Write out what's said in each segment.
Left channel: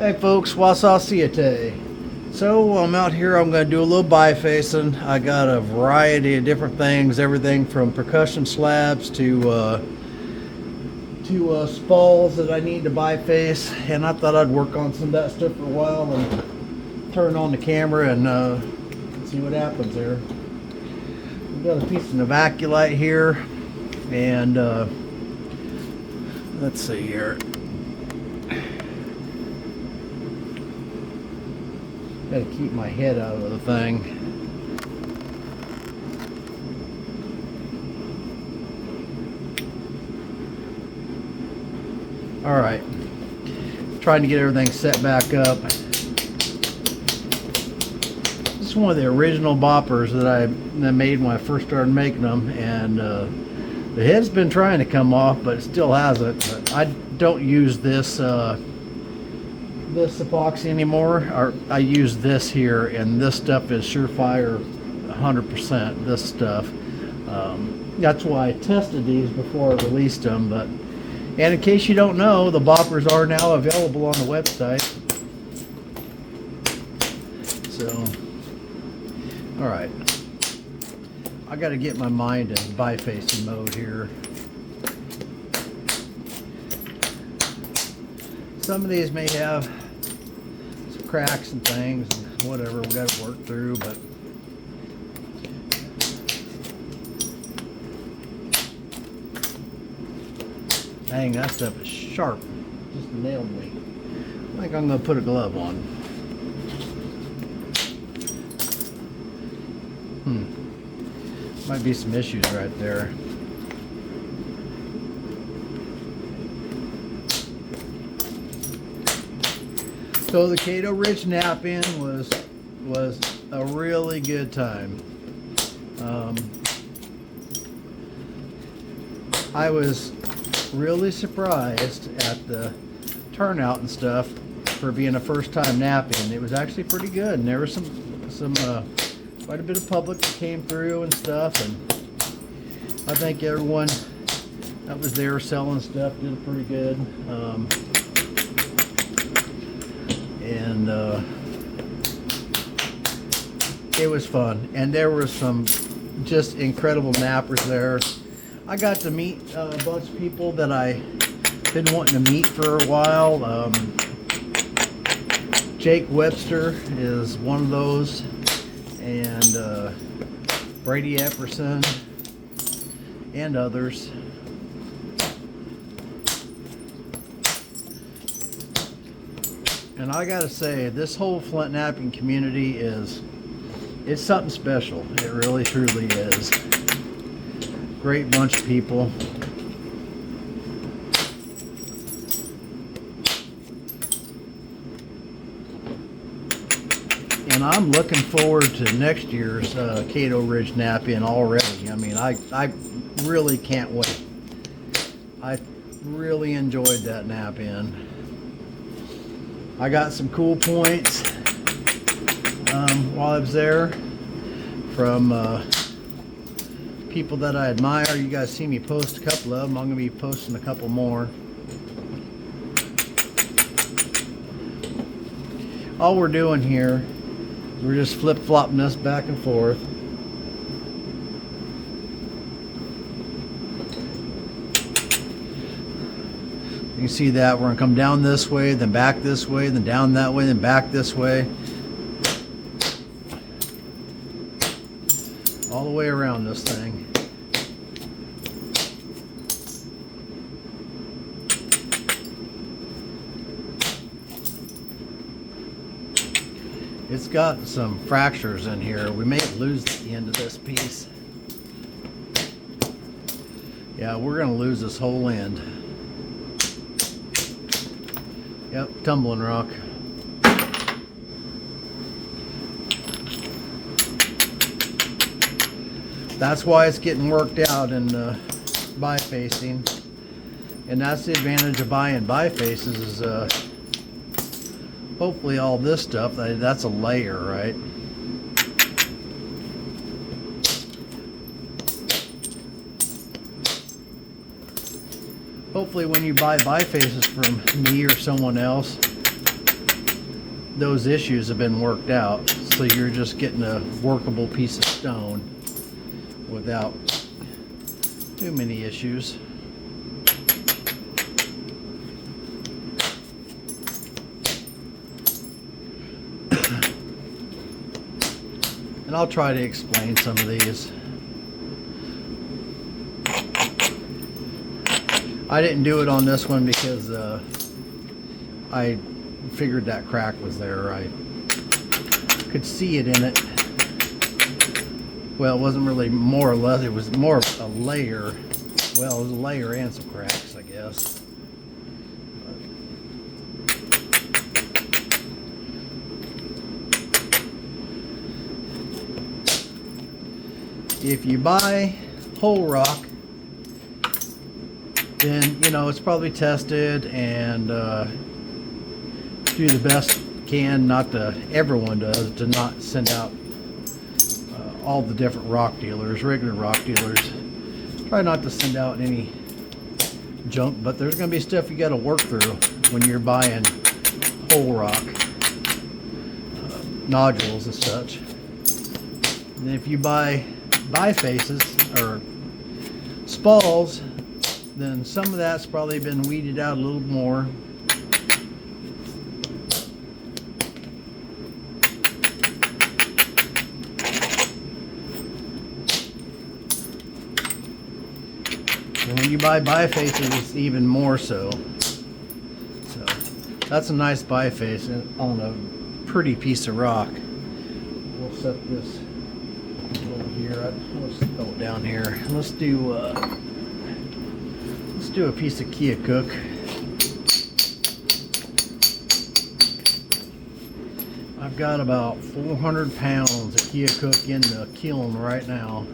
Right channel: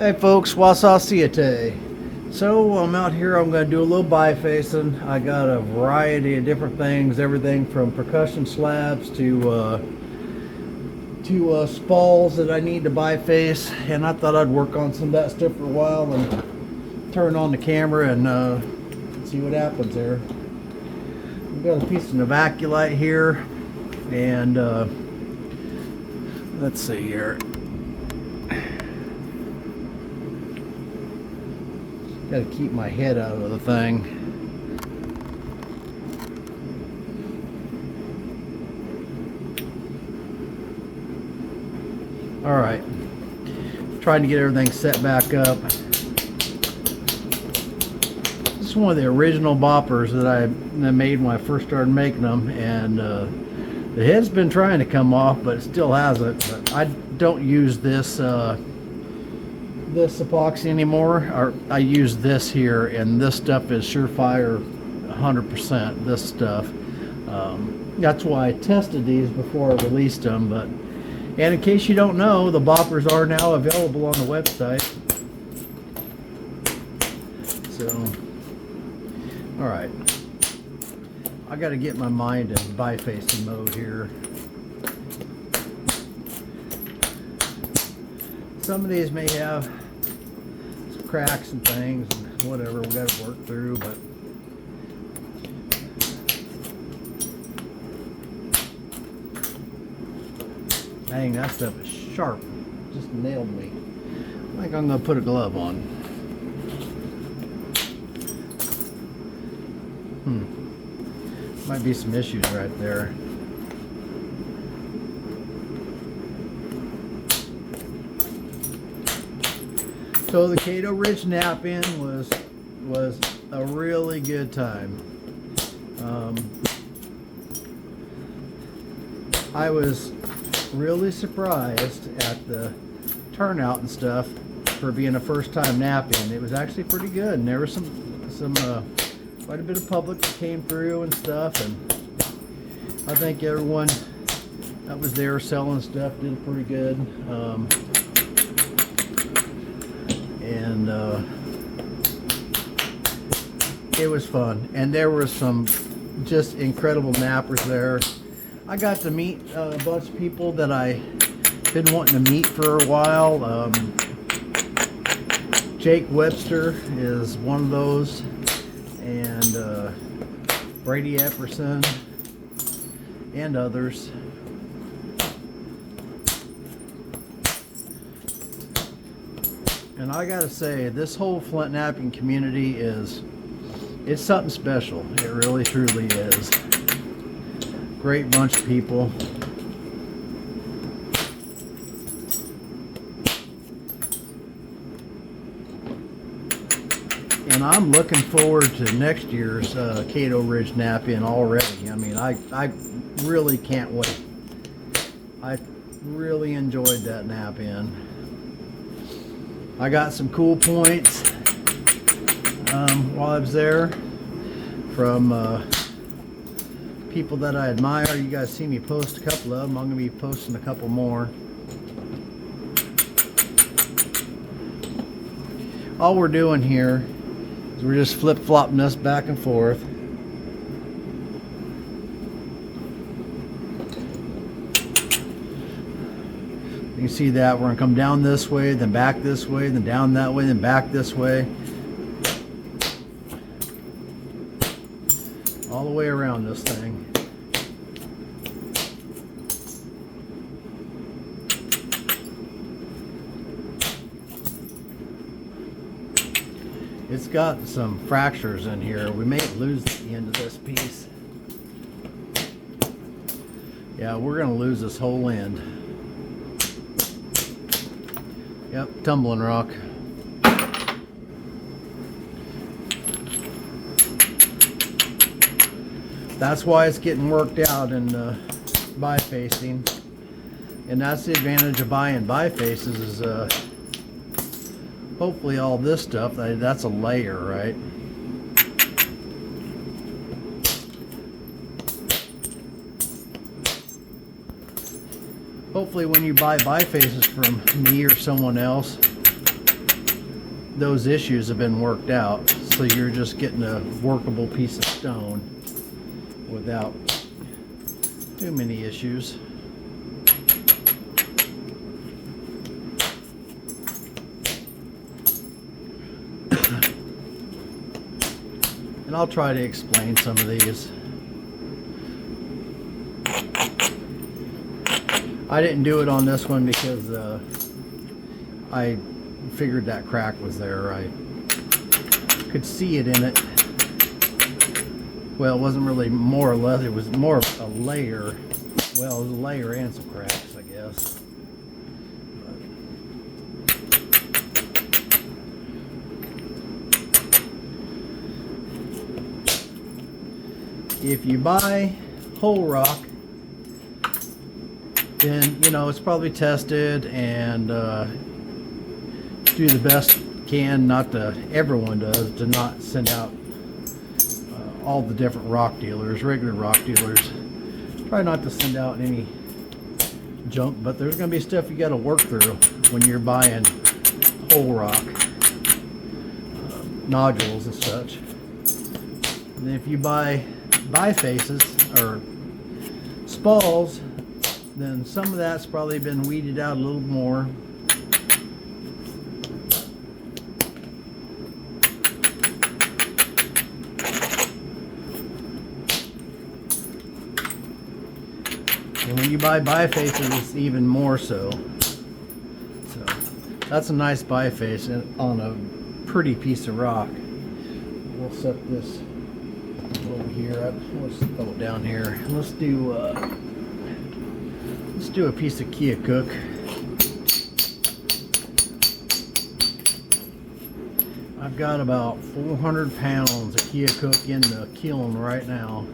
Hey folks, Wausau see you today. So I'm out here, I'm going to do a little bifacing. I got a variety of different things, everything from percussion slabs to spalls that I need to biface, and I thought I'd work on some of that stuff for a while and turn on the camera and see what happens there. We've got a piece of novaculite here, and let's see here. Got to keep my head out of the thing. All right, trying to get everything set back up. This is one of the original boppers that I made when I first started making them, and the head's been trying to come off, but it still hasn't. But I don't use this epoxy anymore, or I use this here, and this stuff is surefire 100%. This stuff, that's why I tested these before I released them. But and in case you don't know, the boppers are now available on the website. So all right, I got to get my mind in bifacing mode here. Some of these may have some cracks and things and whatever we got to work through, but dang, that stuff is sharp. Just nailed me. I think I'm going to put a glove on. Might be some issues right there. So the Caddo Ridge Knap-In was a really good time. I was really surprised at the turnout and stuff for being a first time Knap-In. It was actually pretty good, and there was some quite a bit of public that came through and stuff, and I think everyone that was there selling stuff did pretty good. And it was fun, and there was some just incredible nappers there. I got to meet a bunch of people that I've been wanting to meet for a while. Jake Webster is one of those, and Brady Epperson and others. And I gotta say, this whole Flint knapping community it's something special. It really truly is. Great bunch of people. And I'm looking forward to next year's Caddo Ridge Knap-In already. I mean, I really can't wait. I really enjoyed that Knap-In. I got some cool points while I was there from people that I admire. You guys see me post a couple of them. I'm going to be posting a couple more. All we're doing here is we're just flip-flopping this back and forth. You can see that we're going to come down this way, then back this way, then down that way, then back this way. All the way around this thing. It's got some fractures in here. We may lose the end of this piece. Yeah, we're going to lose this whole end. Yep, tumbling rock. That's why it's getting worked out in bifacing, and that's the advantage of buying bifaces is hopefully all this stuff, that's a layer, right? Hopefully when you buy bifaces from me or someone else, those issues have been worked out, so you're just getting a workable piece of stone without too many issues. And I'll try to explain some of these. I didn't do it on this one because I figured that crack was there. I could see it in it. Well, it wasn't really more or less, it was more of a layer. Well, it was a layer and some cracks, I guess. If you buy whole rock, then you know it's probably tested and do the best you can. Not that everyone does, to not send out all the different rock dealers, regular rock dealers. Try not to send out any junk, but there's going to be stuff you got to work through when you're buying whole rock nodules and such. And if you buy bifaces or spalls, then some of that's probably been weeded out a little more. And when you buy bifaces, it's even more so. So that's a nice biface on a pretty piece of rock. We'll set this over here. Let's throw it down here. Let's do a piece of Kia Cook. I've got about 400 pounds of Kia Cook in the kiln right now.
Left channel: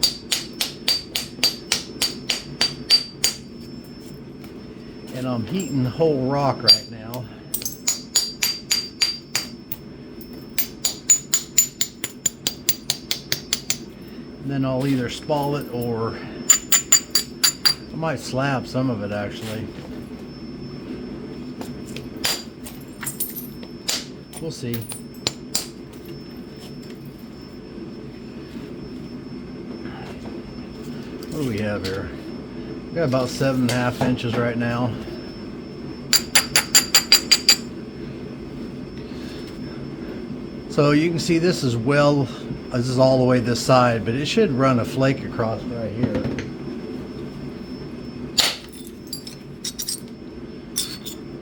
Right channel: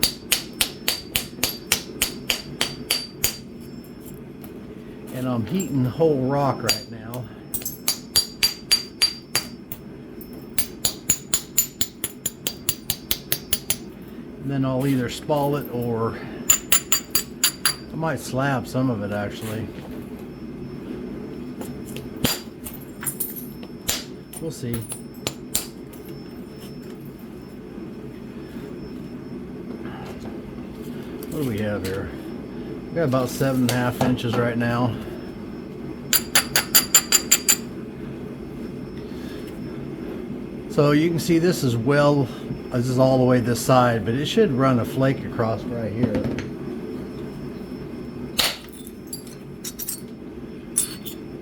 And I'm heating whole rock right now. And then I'll either spall it or I might slab some of it actually. We'll see. What do we have here? We got about 7.5 inches right now. So you can see this is this is all the way this side, but it should run a flake across right here.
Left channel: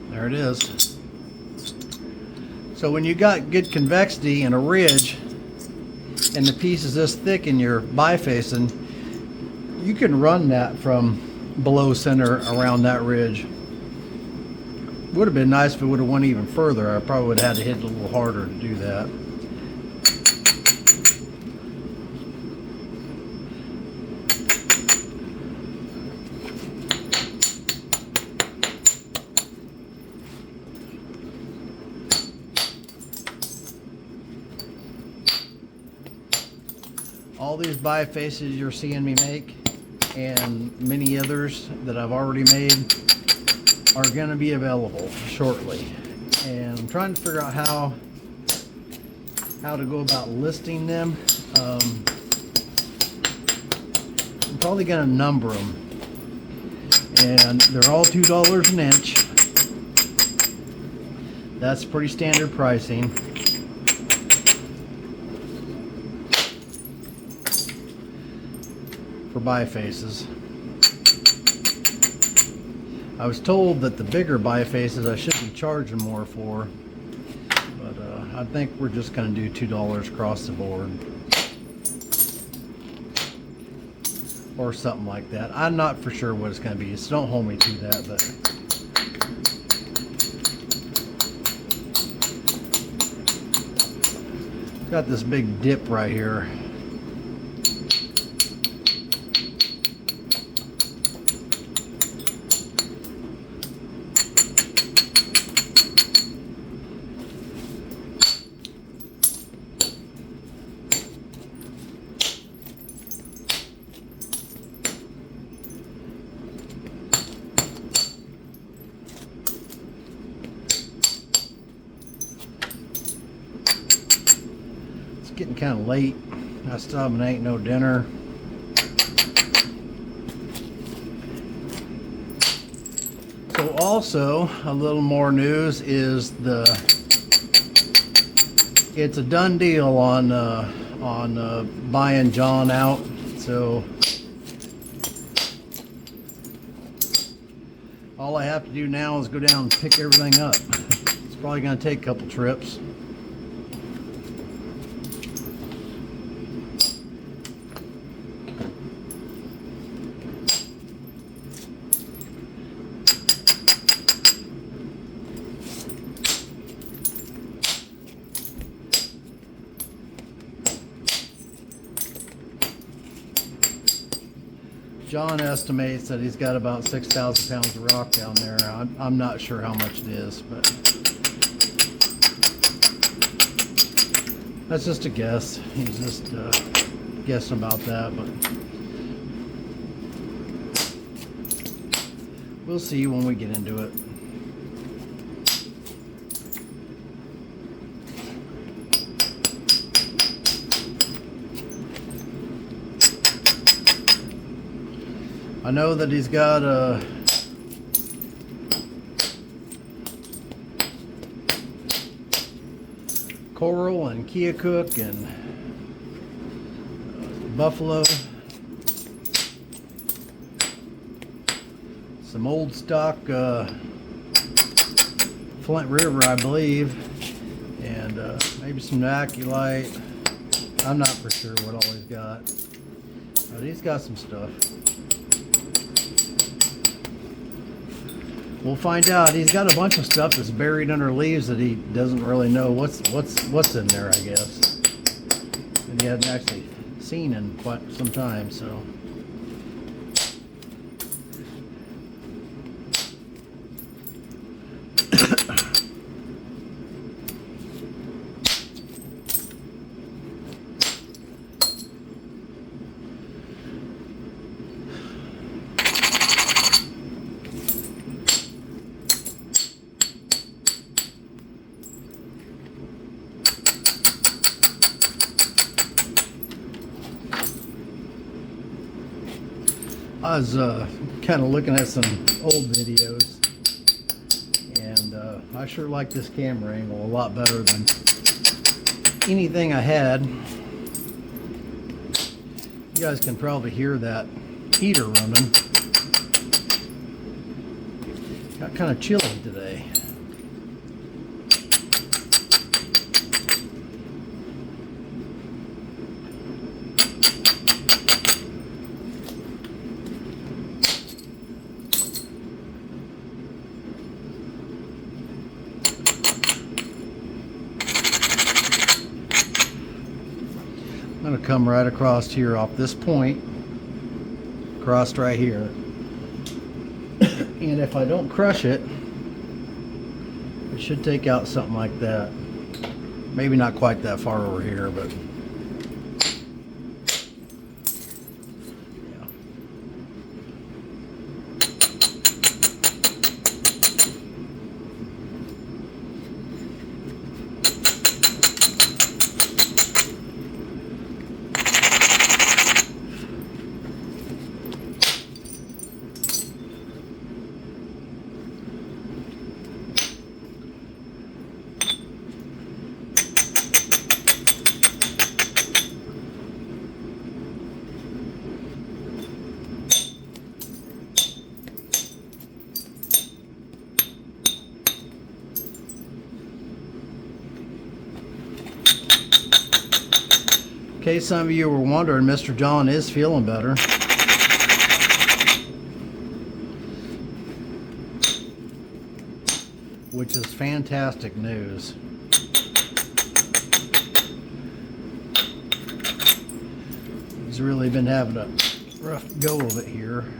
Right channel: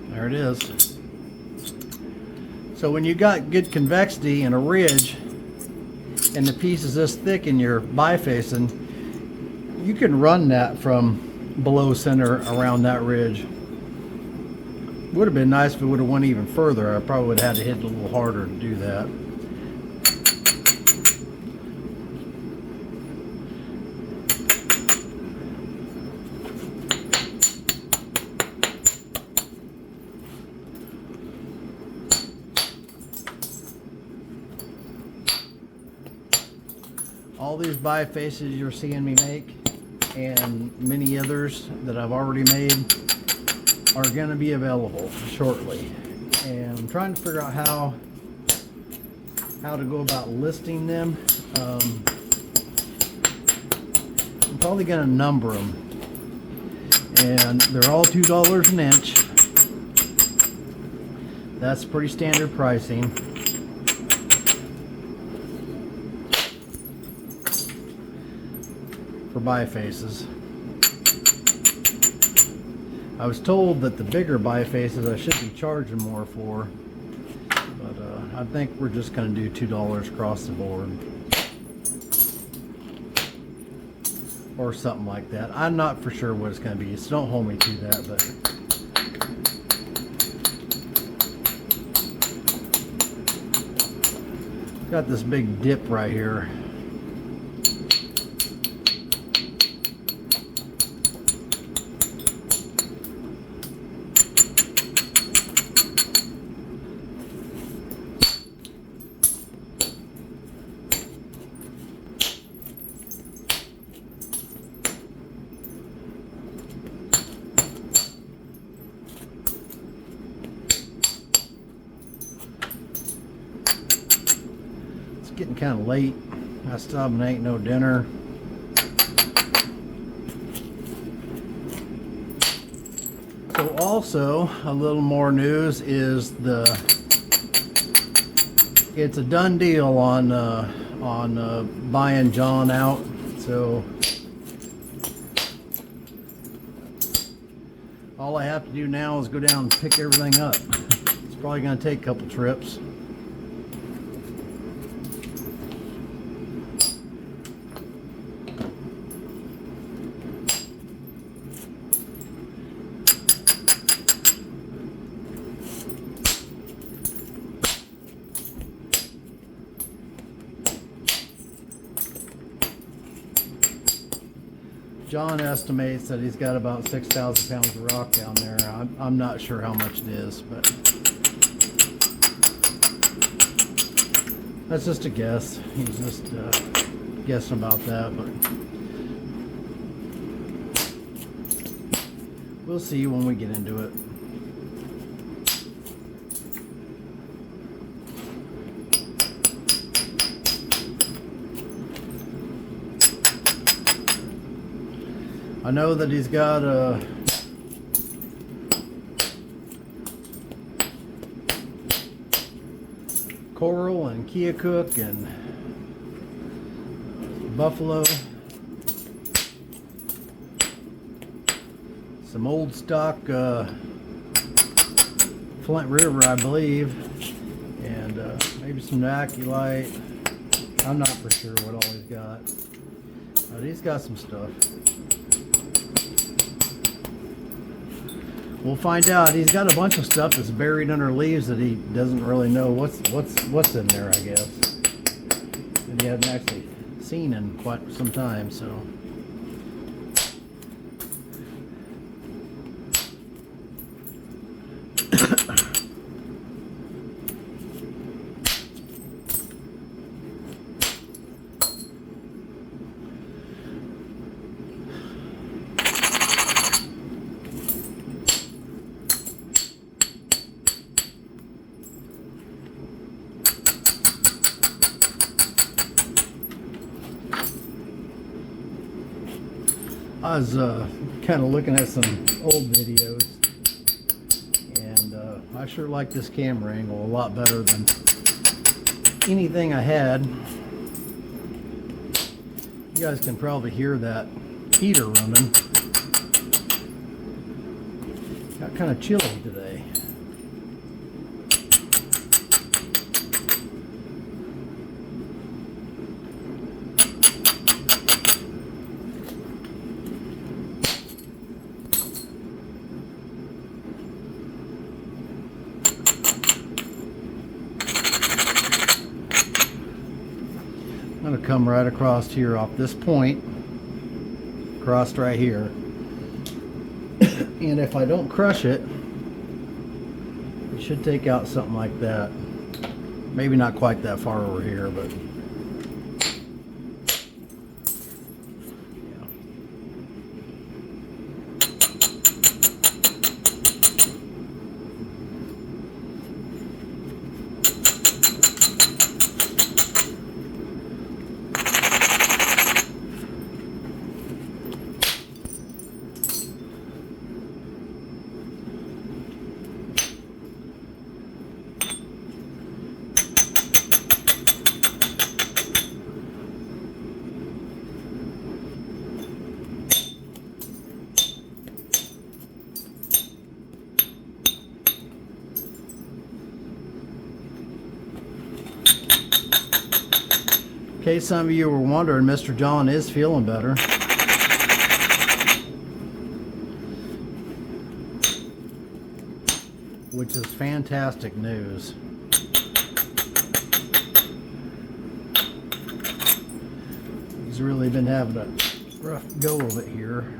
There it is. So when you got good convexity and a ridge, and the piece is this thick in your bifacing, you can run that from below center around that ridge. Would have been nice if it would have went even further. I probably would have had to hit it a little harder to do that. All these bifaces you're seeing me make, and many others that I've already made, are going to be available shortly. And I'm trying to figure out how to go about listing them. I'm probably going to number them, and they're all $2 an inch. That's pretty standard pricing. For bifaces. I was told that the bigger bifaces I should be charging more for, but I think we're just going to do $2 across the board. Or something like that. I'm not for sure what it's going to be, so don't hold me to that, but got this big dip right here. getting kind of late. I still haven't ate no dinner. So also, a little more news is it's a done deal on buying John out. So all I have to do now is go down and pick everything up. It's probably going to take a couple trips. John estimates that he's got about 6,000 pounds of rock down there. I'm not sure how much it is, but that's just a guess. He's just guessing about that, but we'll see when we get into it. I know that he's got a Coral and Keokuk and Buffalo, some old stock Flint River, I believe, and maybe some Aculite. I'm not for sure what all he's got, but he's got some stuff. We'll find out. He's got a bunch of stuff that's buried under leaves that he doesn't really know what's in there, I guess. And he hasn't actually seen in quite some time, so. I was kind of looking at some old videos, and I sure like this camera angle a lot better than anything I had. You guys can probably hear that heater running. Got kind of chilly today. I'm going to come right across here off this point, across right here, and if I don't crush it, it should take out something like that. Maybe not quite that far over here, but yeah. In case some of you were wondering, Mr. John is feeling better. Which is fantastic news. He's really been having a rough go of it here.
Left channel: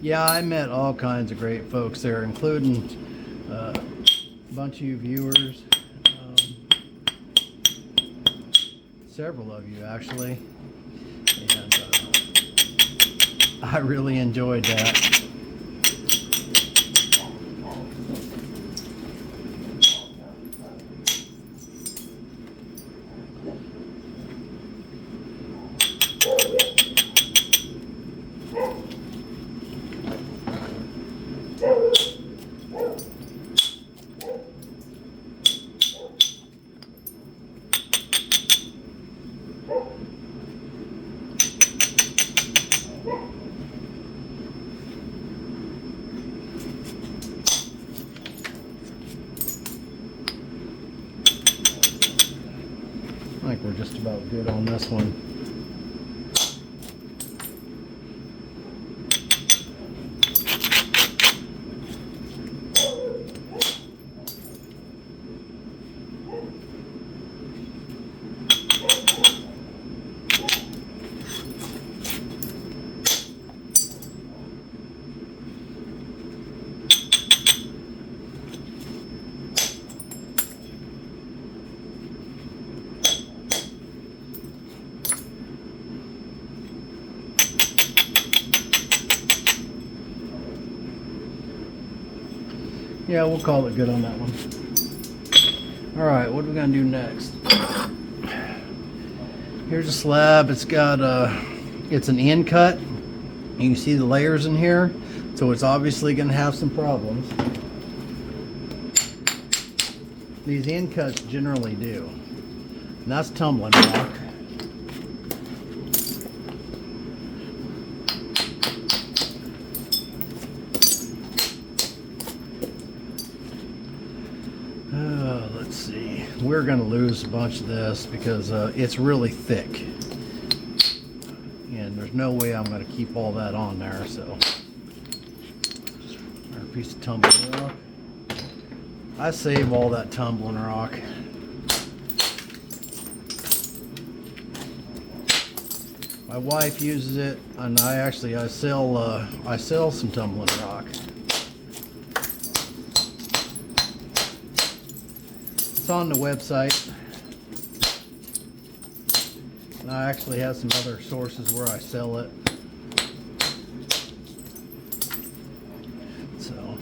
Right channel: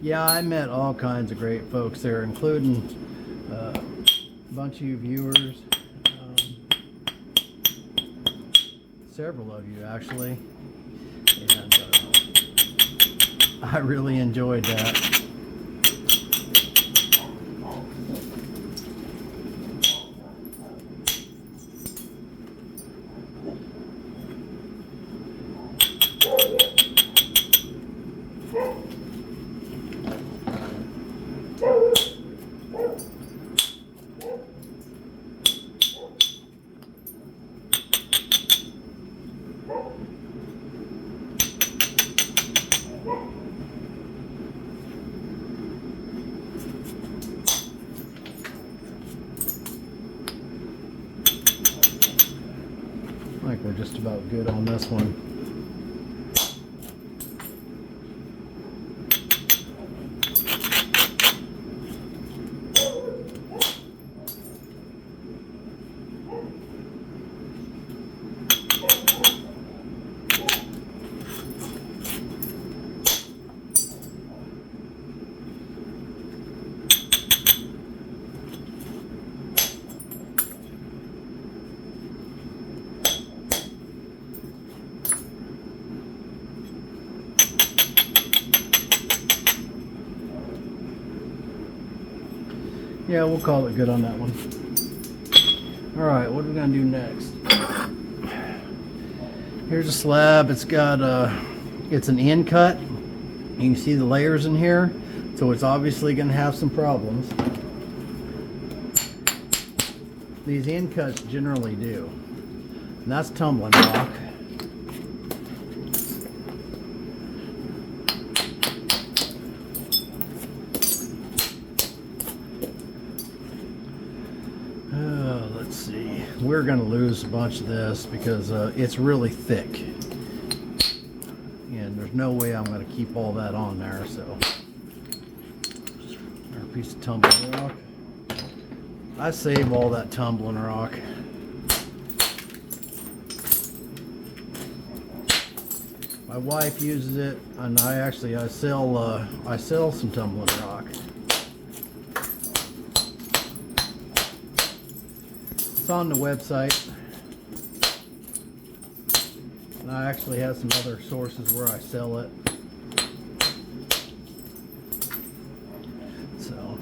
Yeah, I met all kinds of great folks there, including a bunch of you viewers, several of you actually, and I really enjoyed that. I think we're just about good on this one. Yeah, we'll call it good on that one. All right, what are we gonna do next? Here's a slab. It's got it's an end cut. You can see the layers in here, so it's obviously gonna have some problems. These end cuts generally do, and that's tumbling rock. Let's see. We're going to lose a bunch of this because it's really thick. And there's no way I'm going to keep all that on there. So, our piece of tumbling rock. I save all that tumbling rock. My wife uses it, and I sell some tumbling rock. It's on the website, and I actually have some other sources where I sell it. So,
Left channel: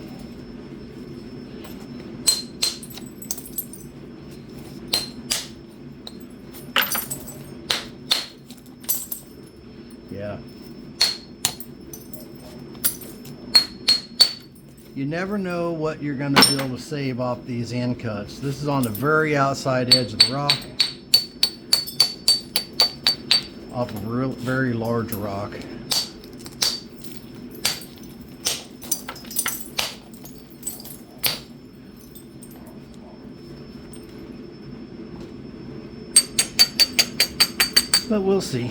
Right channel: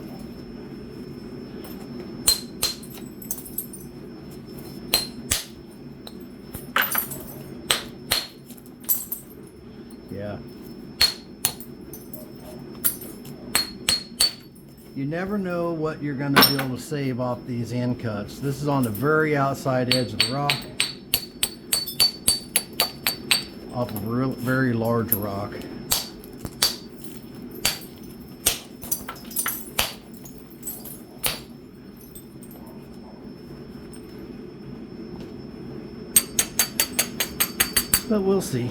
yeah. You never know what you're going to be able to save off these end cuts. This is on the very outside edge of the rock, off of a very large rock. But we'll see.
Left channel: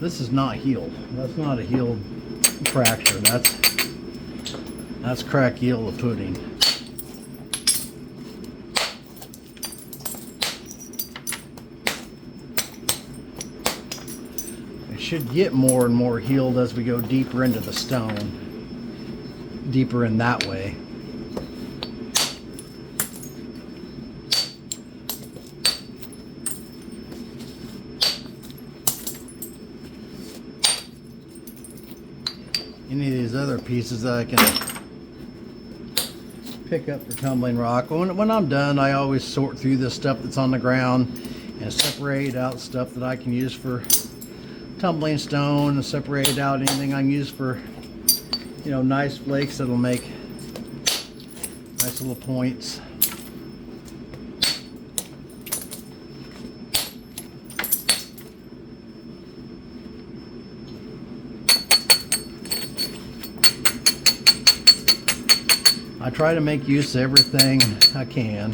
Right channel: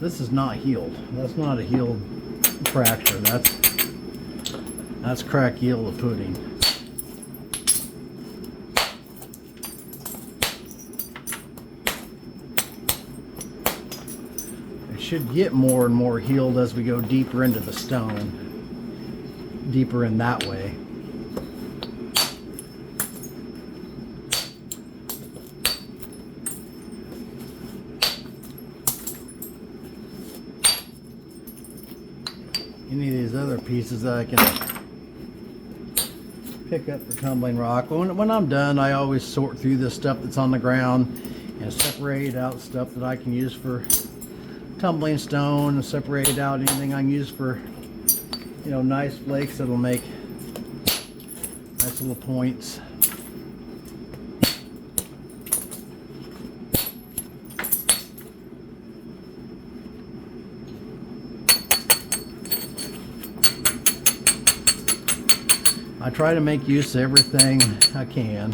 This is not healed. That's not a healed fracture. That's cracked yield of pudding. It should get more and more healed as we go deeper into the stone. Deeper in that way. Any of these other pieces that I can pick up for tumbling rock. When I'm done, I always sort through this stuff that's on the ground and separate out stuff that I can use for tumbling stone, and separate out anything I can use for, you know, nice flakes that'll make nice little points. I try to make use of everything I can.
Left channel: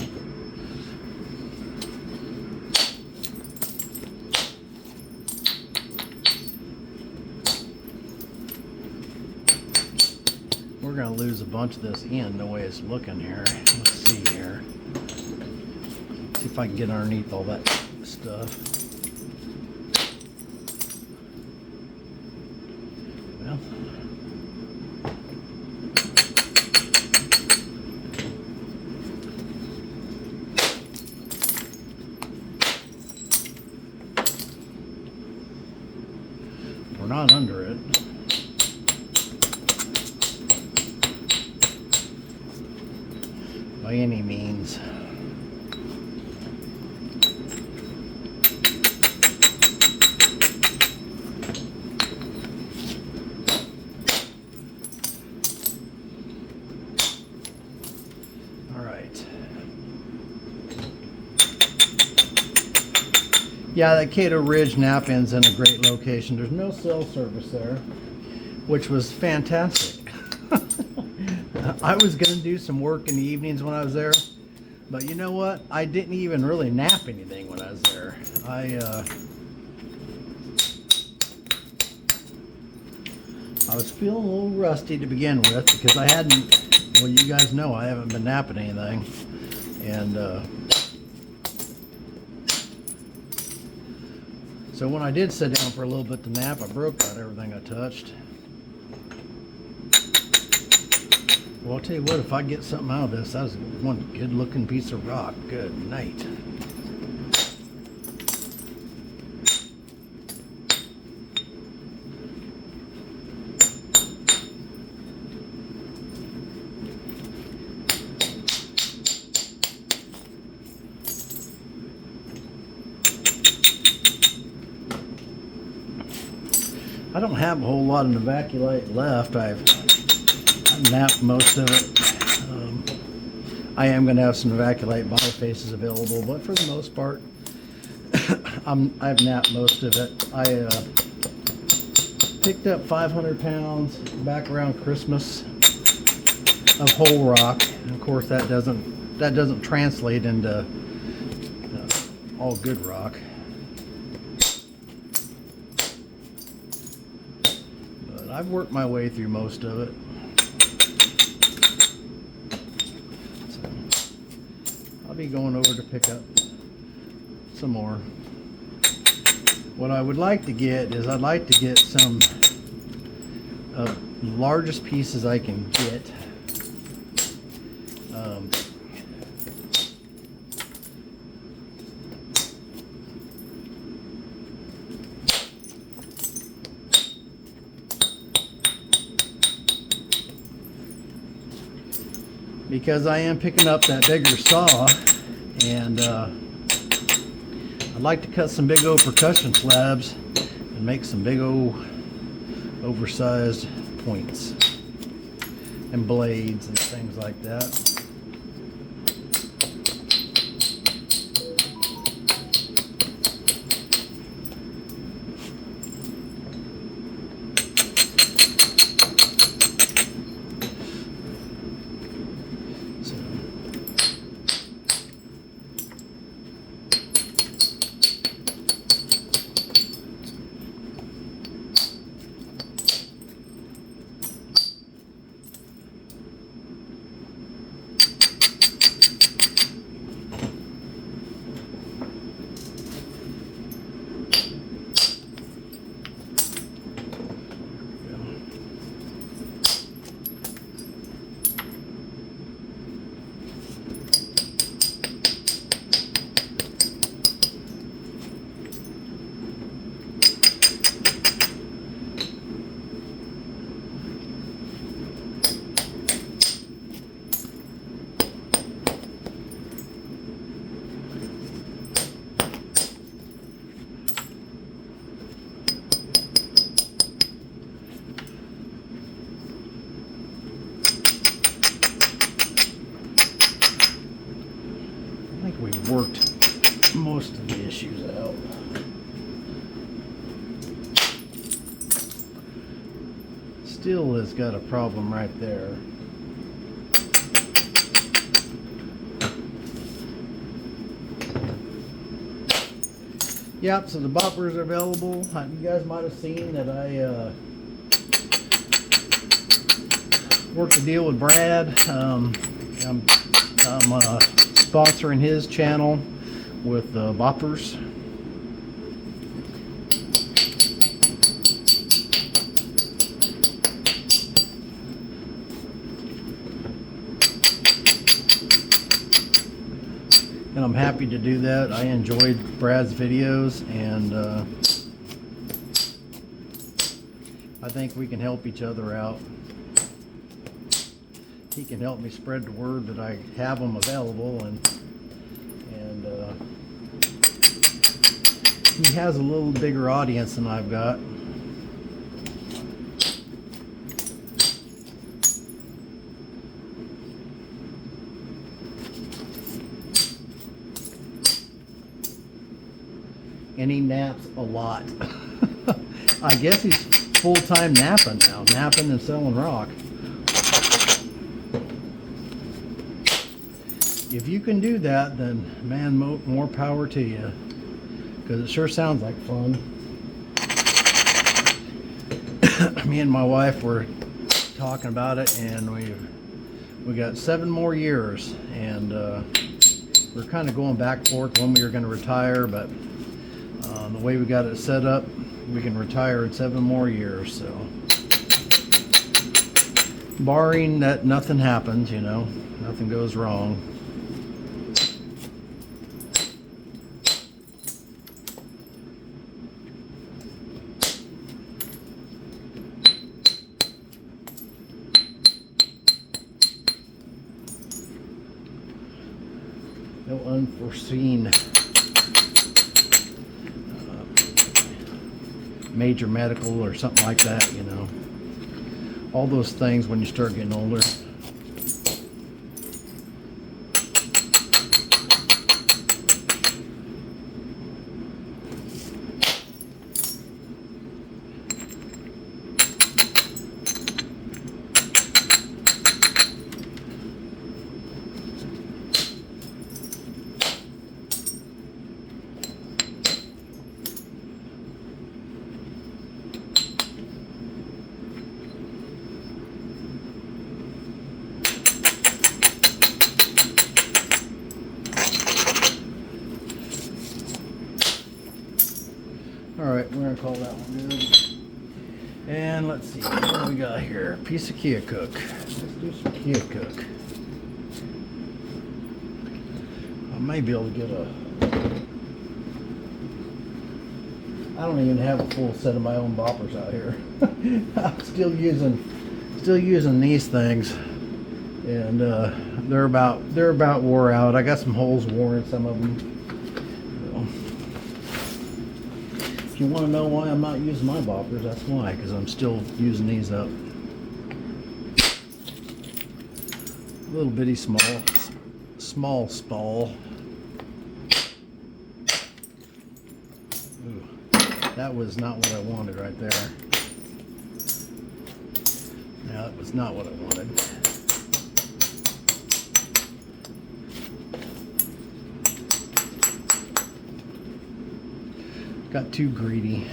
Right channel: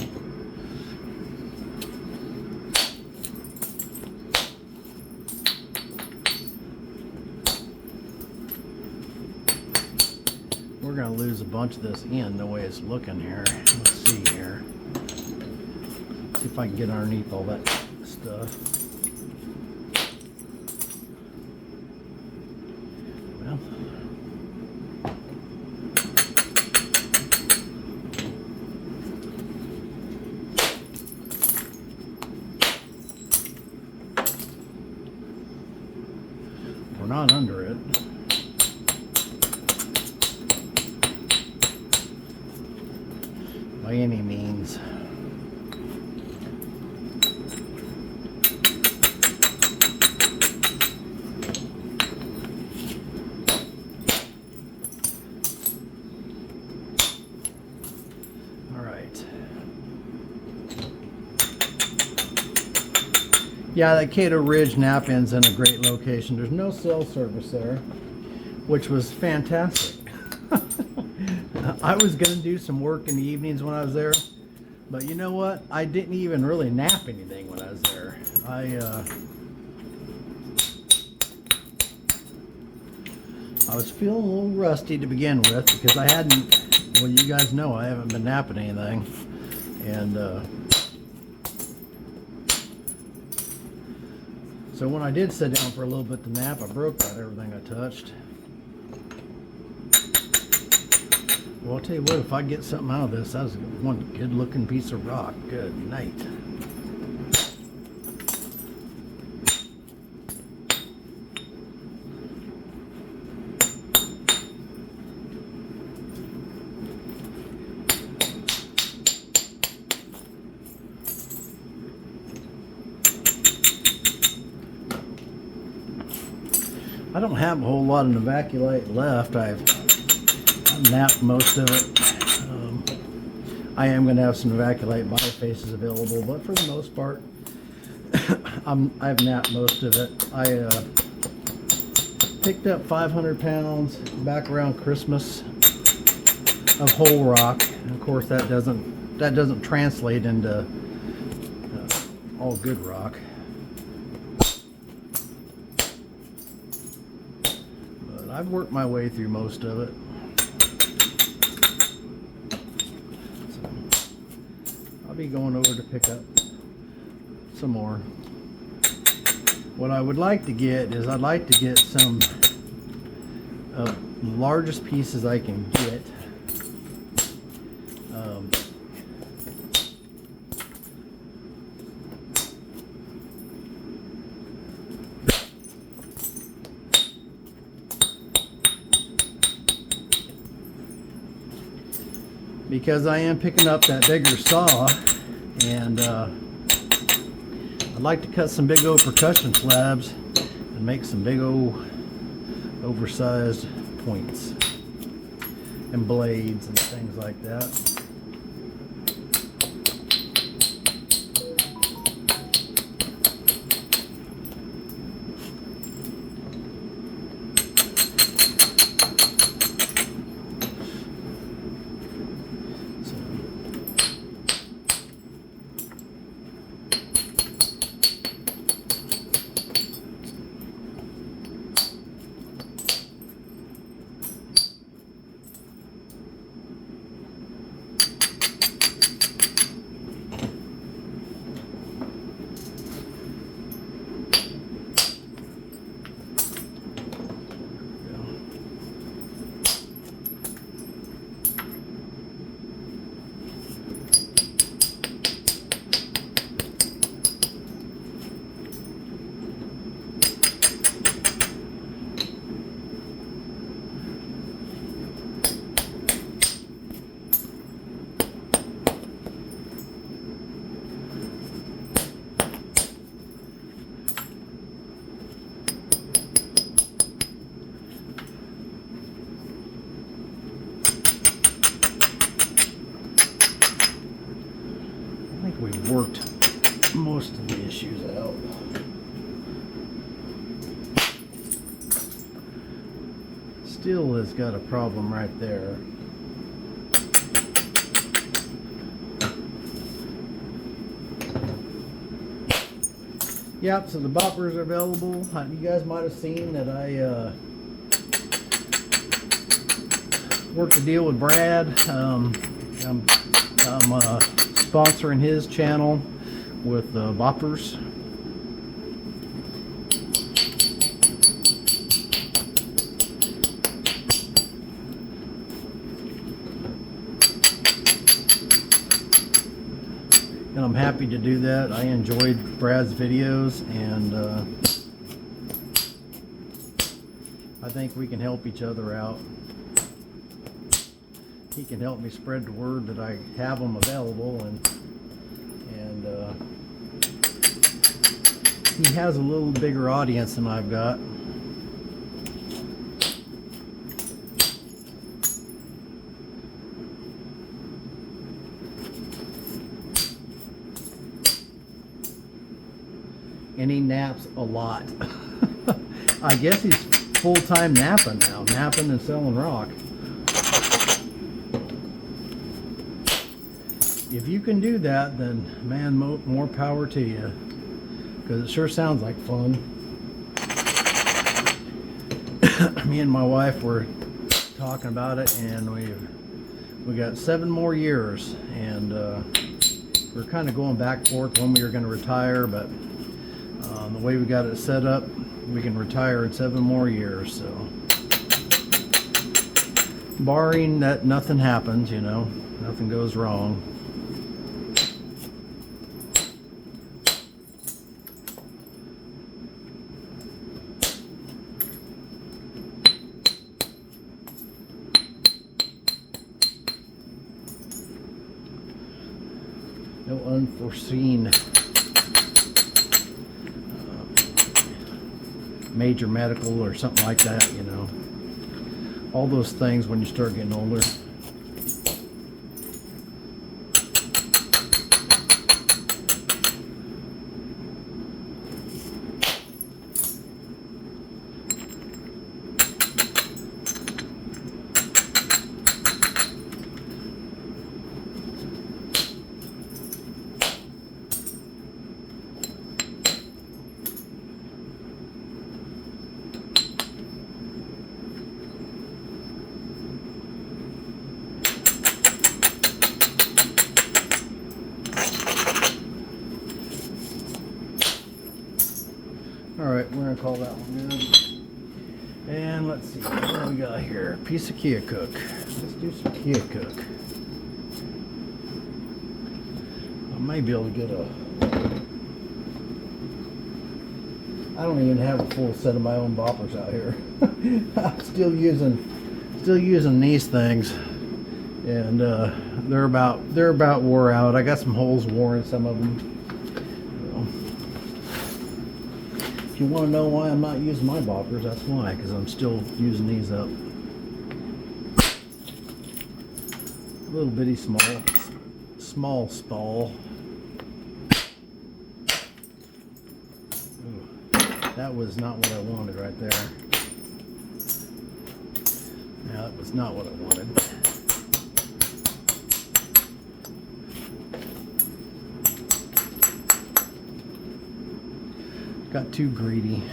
We're going to lose a bunch of this end the way it's looking here. Let's see here. See if I can get underneath all that stuff. Well, we're not under it. By any means. All right. Yeah, that Caddo Ridge Knap-In's in a great location. There's no cell service there, which was fantastic. I was going to do some work in the evenings when I was there, but you know what? I didn't even really nap anything when I was there. I was feeling a little rusty to begin with because I hadn't, well, you guys know I haven't been napping anything. And so when I did sit down for a little bit to nap, I broke about everything I touched. Well, I'll tell you what, if I get something out of this, that was one good looking piece of rock. Good night. I don't have a whole lot of Evacuate left. I've napped most of it. I am going to have some Evacuate bifaces available, but for the most part, I've napped most of it. I picked up 500 pounds back around Christmas of whole rock. And of course, that doesn't translate into all good rock. But I've worked my way through most of it. I'll be going over to pick up some more. What I would like to get is I'd like to get some of the largest pieces I can get. Because I am picking up that bigger saw, and I'd like to cut some big old percussion slabs and make some big old oversized points and blades and things like that. We've worked most of the issues out. Still has got a problem right there. Yep, so the boppers are available. You guys might have seen that I worked a deal with Brad. I'm sponsoring his channel with boppers. And I'm happy to do that. I enjoyed Brad's videos, and I think we can help each other out. He can help me spread the word that I have them available, and he has a little bigger audience than I've got. And he naps a lot. I guess he's full-time napping now, napping and selling rock. If you can do that, then man, more power to you, because it sure sounds like fun. Me and my wife were talking about it, and we got 7 more years, and we're kind of going back and forth when we were going to retire, but the way we got it set up, we can retire in 7 more years. So, barring that nothing happens, you know, nothing goes wrong. No unforeseen major medical or something like that, you know. All those things when you start getting older. Alright, we're going to call that one good. And let's see, what do we got here? Piece of Kia Cook. Let's do some Kia Cook. I may be able to get I don't even have a full set of my own boppers out here. I'm still using these things. And they're about wore out. I got some holes worn in some of them. If you want to know why I'm not using my boppers, that's why, because I'm still using these up. Little bitty small spall. Ooh, that was not what I wanted right there. Yeah, that was not what I wanted. Got too greedy.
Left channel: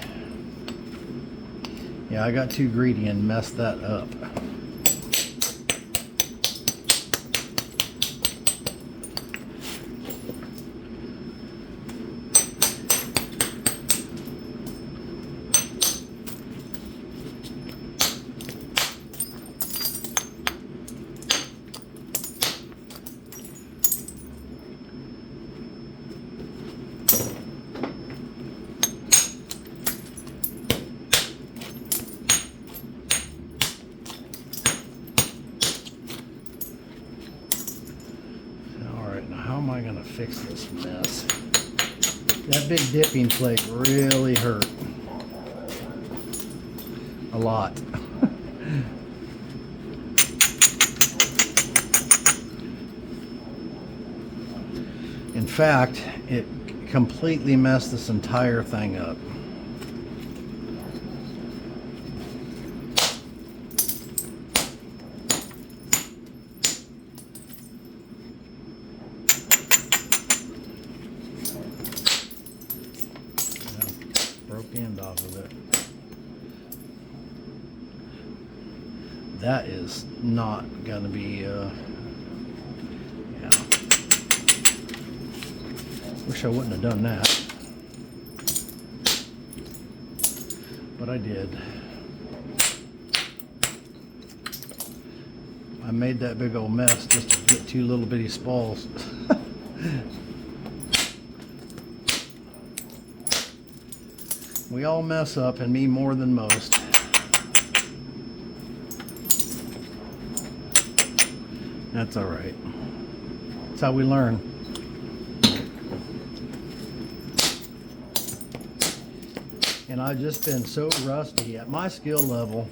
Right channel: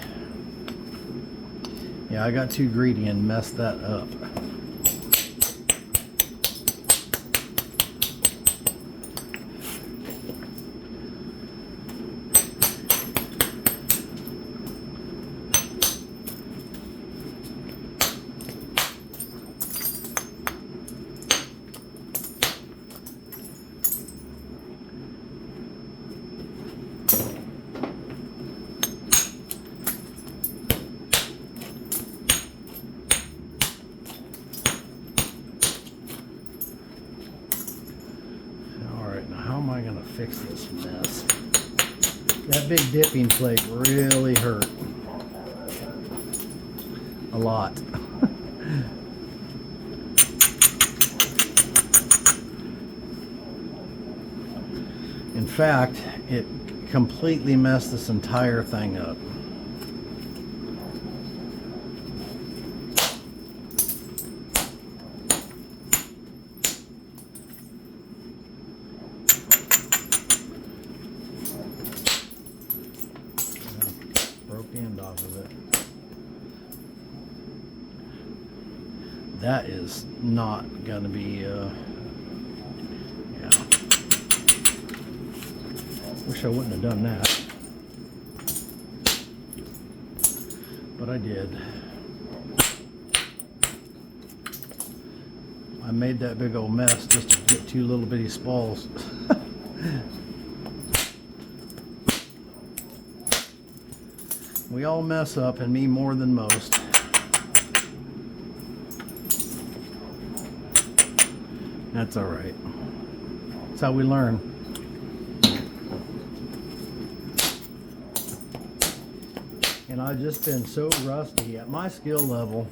Yeah, I got too greedy and messed that up. How am I going to fix this mess? That big dipping plate really hurt. A lot. In fact, it completely messed this entire thing up. that is not gonna be, yeah. Wish I wouldn't have done that, but I did. I made that big old mess just to get 2 little bitty spalls. We all mess up, and me more than most. That's all right. That's how we learn. And I've just been so rusty at my skill level.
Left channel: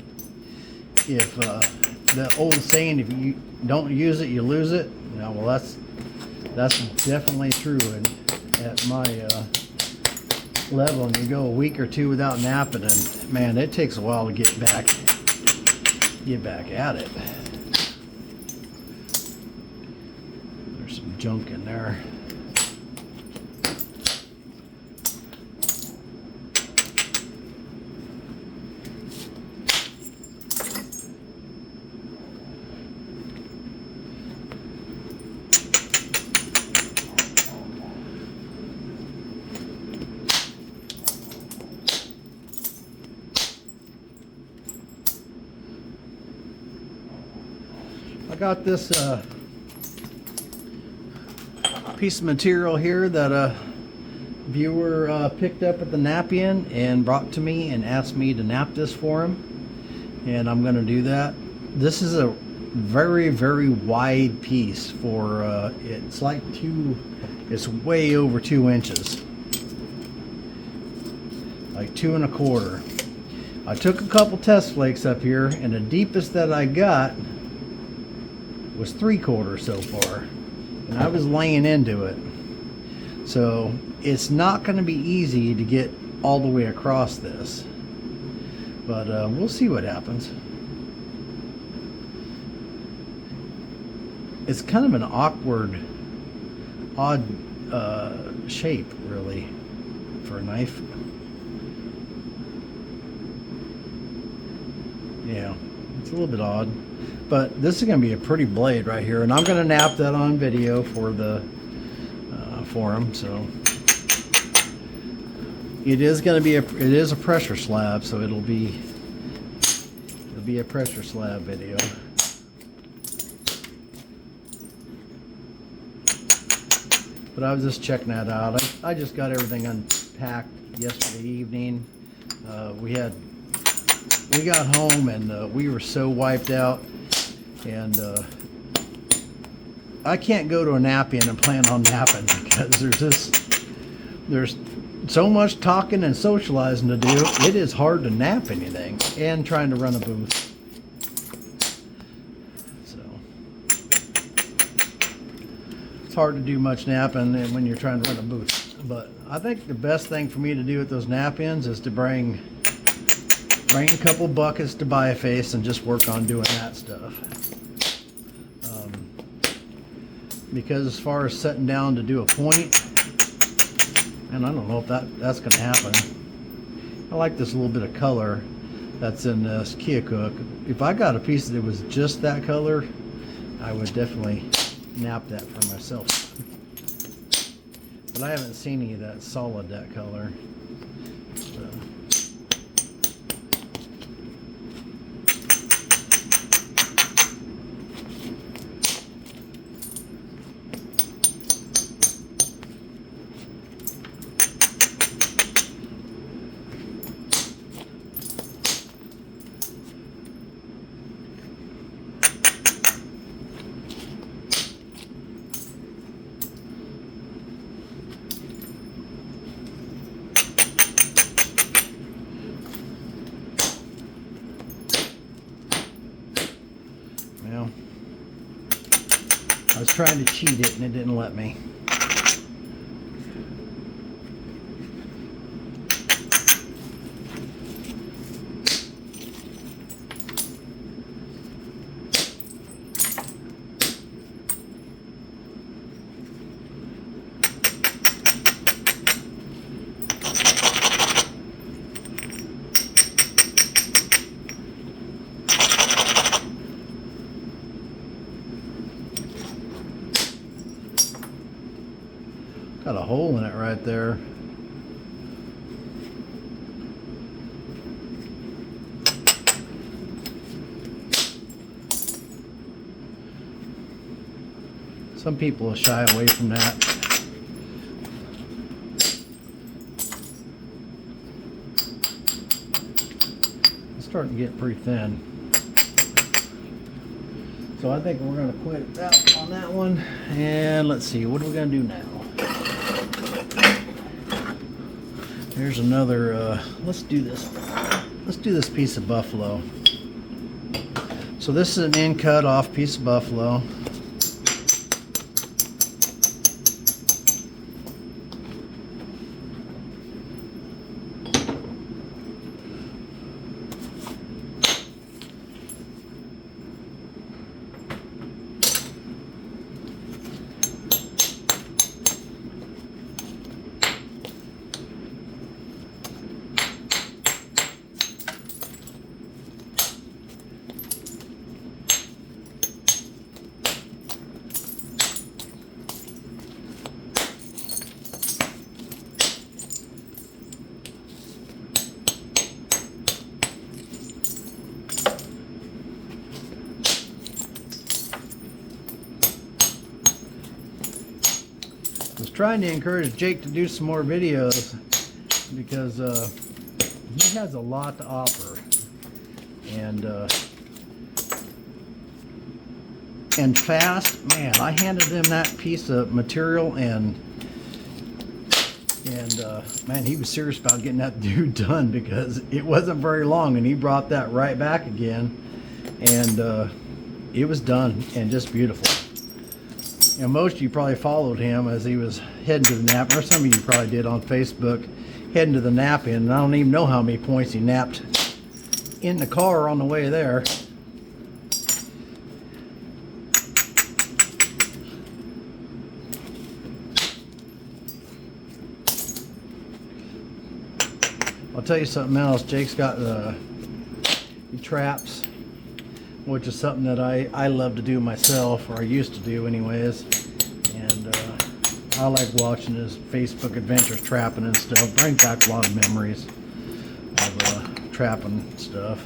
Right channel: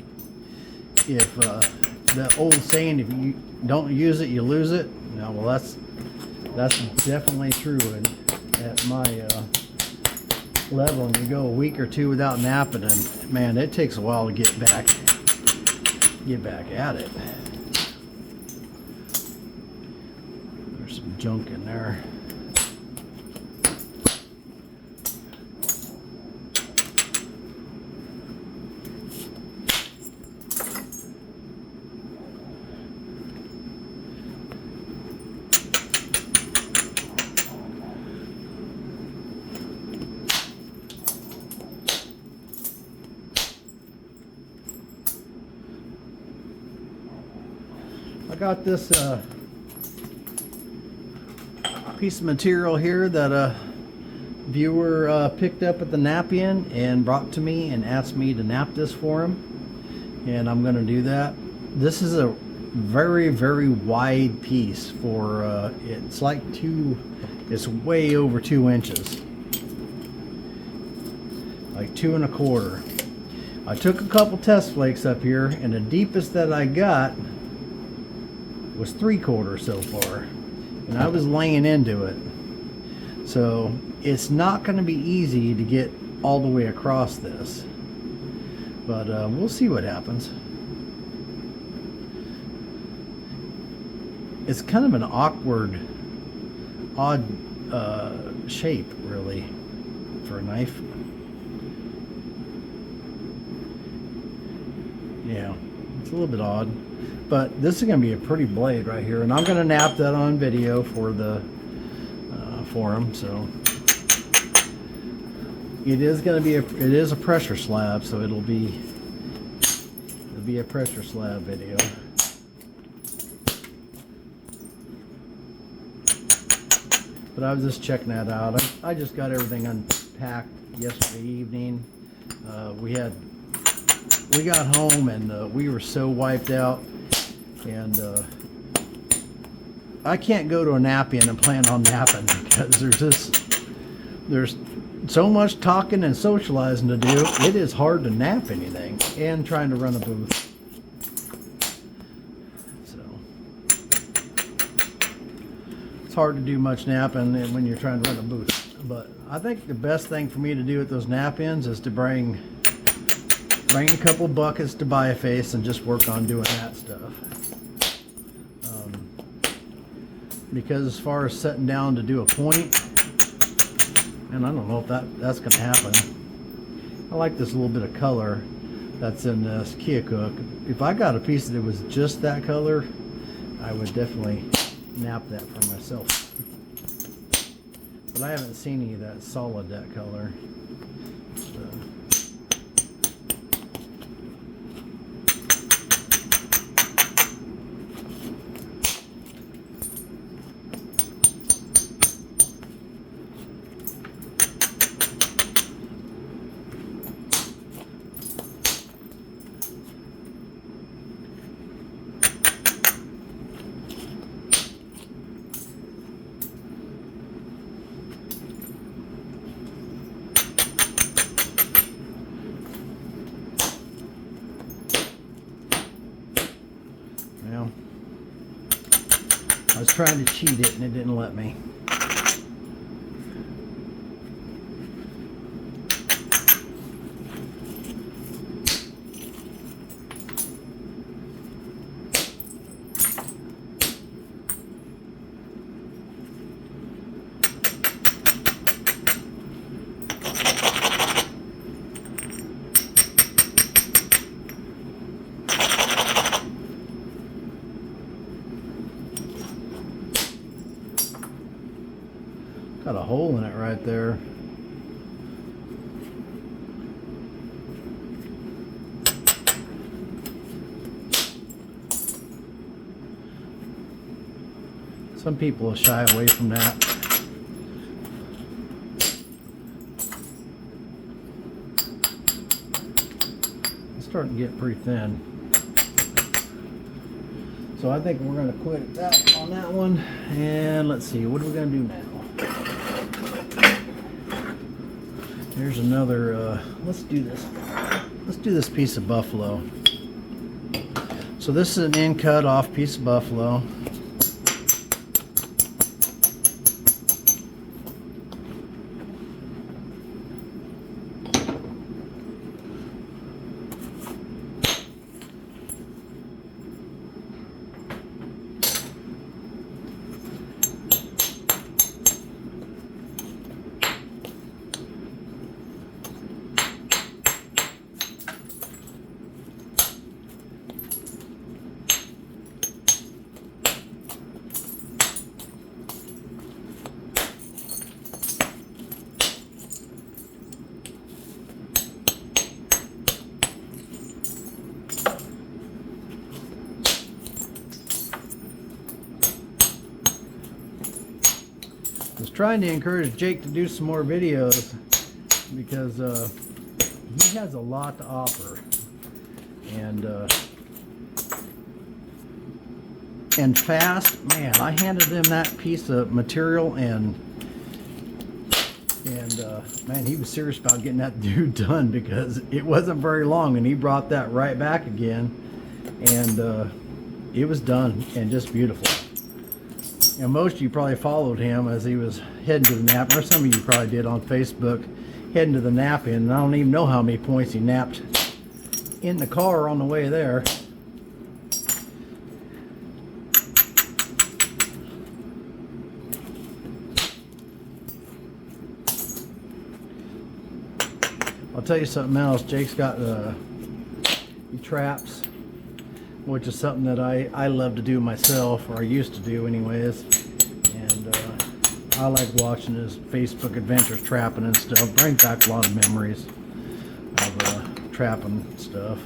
If the old saying, if you don't use it, you lose it. No, well, that's definitely true. And at my level, and you go a week or 2 without napping, and man, it takes a while to get back at it. There's some junk in there. I got this piece of material here that a viewer picked up at the Knap-In and brought to me and asked me to nap this for him, and I'm going to do that. This is a very, very wide piece for it's like it's way over 2 inches, like 2 1/4. I took a couple test flakes up here, and the deepest that I got was 3/4 so far, and I was laying into it, so it's not going to be easy to get all the way across this, but we'll see what happens. It's kind of an odd shape, really, for a knife. Yeah, it's a little bit odd. But this is going to be a pretty blade right here, and I'm going to nap that on video for the for him. So it is going to be it is a pressure slab, so it'll be a pressure slab video. But I was just checking that out. I just got everything unpacked yesterday evening. We got home, and we were so wiped out. And I can't go to a Knap-In and plan on napping, because there's so much talking and socializing to do. It is hard to nap anything, and trying to run a booth. So it's hard to do much napping when you're trying to run a booth. But I think the best thing for me to do at those Knap-Ins is to bring a couple buckets to Biface and just work on doing that stuff. Because as far as sitting down to do a point, and I don't know if that's going to happen. I like this little bit of color that's in this Keokuk. If I got a piece that was just that color, I would definitely nap that for myself. But I haven't seen any of that solid that color. So. Well, I was trying to cheat it and it didn't let me. Got a hole in it right there. Some people will shy away from that. It's starting to get pretty thin. So I think we're going to quit that on that one. And let's see, what are we going to do now? Here's another, let's do this. Let's do this piece of buffalo. So this is an end cut off piece of buffalo. Trying to encourage Jake to do some more videos because he has a lot to offer, and fast. Man, I handed him that piece of material and man, he was serious about getting that dude done because it wasn't very long, and he brought that right back again, and it was done and just beautiful. You know, most of you probably followed him as he was heading to the nap, or some of you probably did on Facebook, heading to the Knap-In, and I don't even know how many points he napped in the car on the way there. I'll tell you something else. Jake's got traps, which is something that I love to do myself, or I used to do anyways, and I like watching his Facebook adventures trapping and stuff. Brings back a lot of memories of trapping stuff.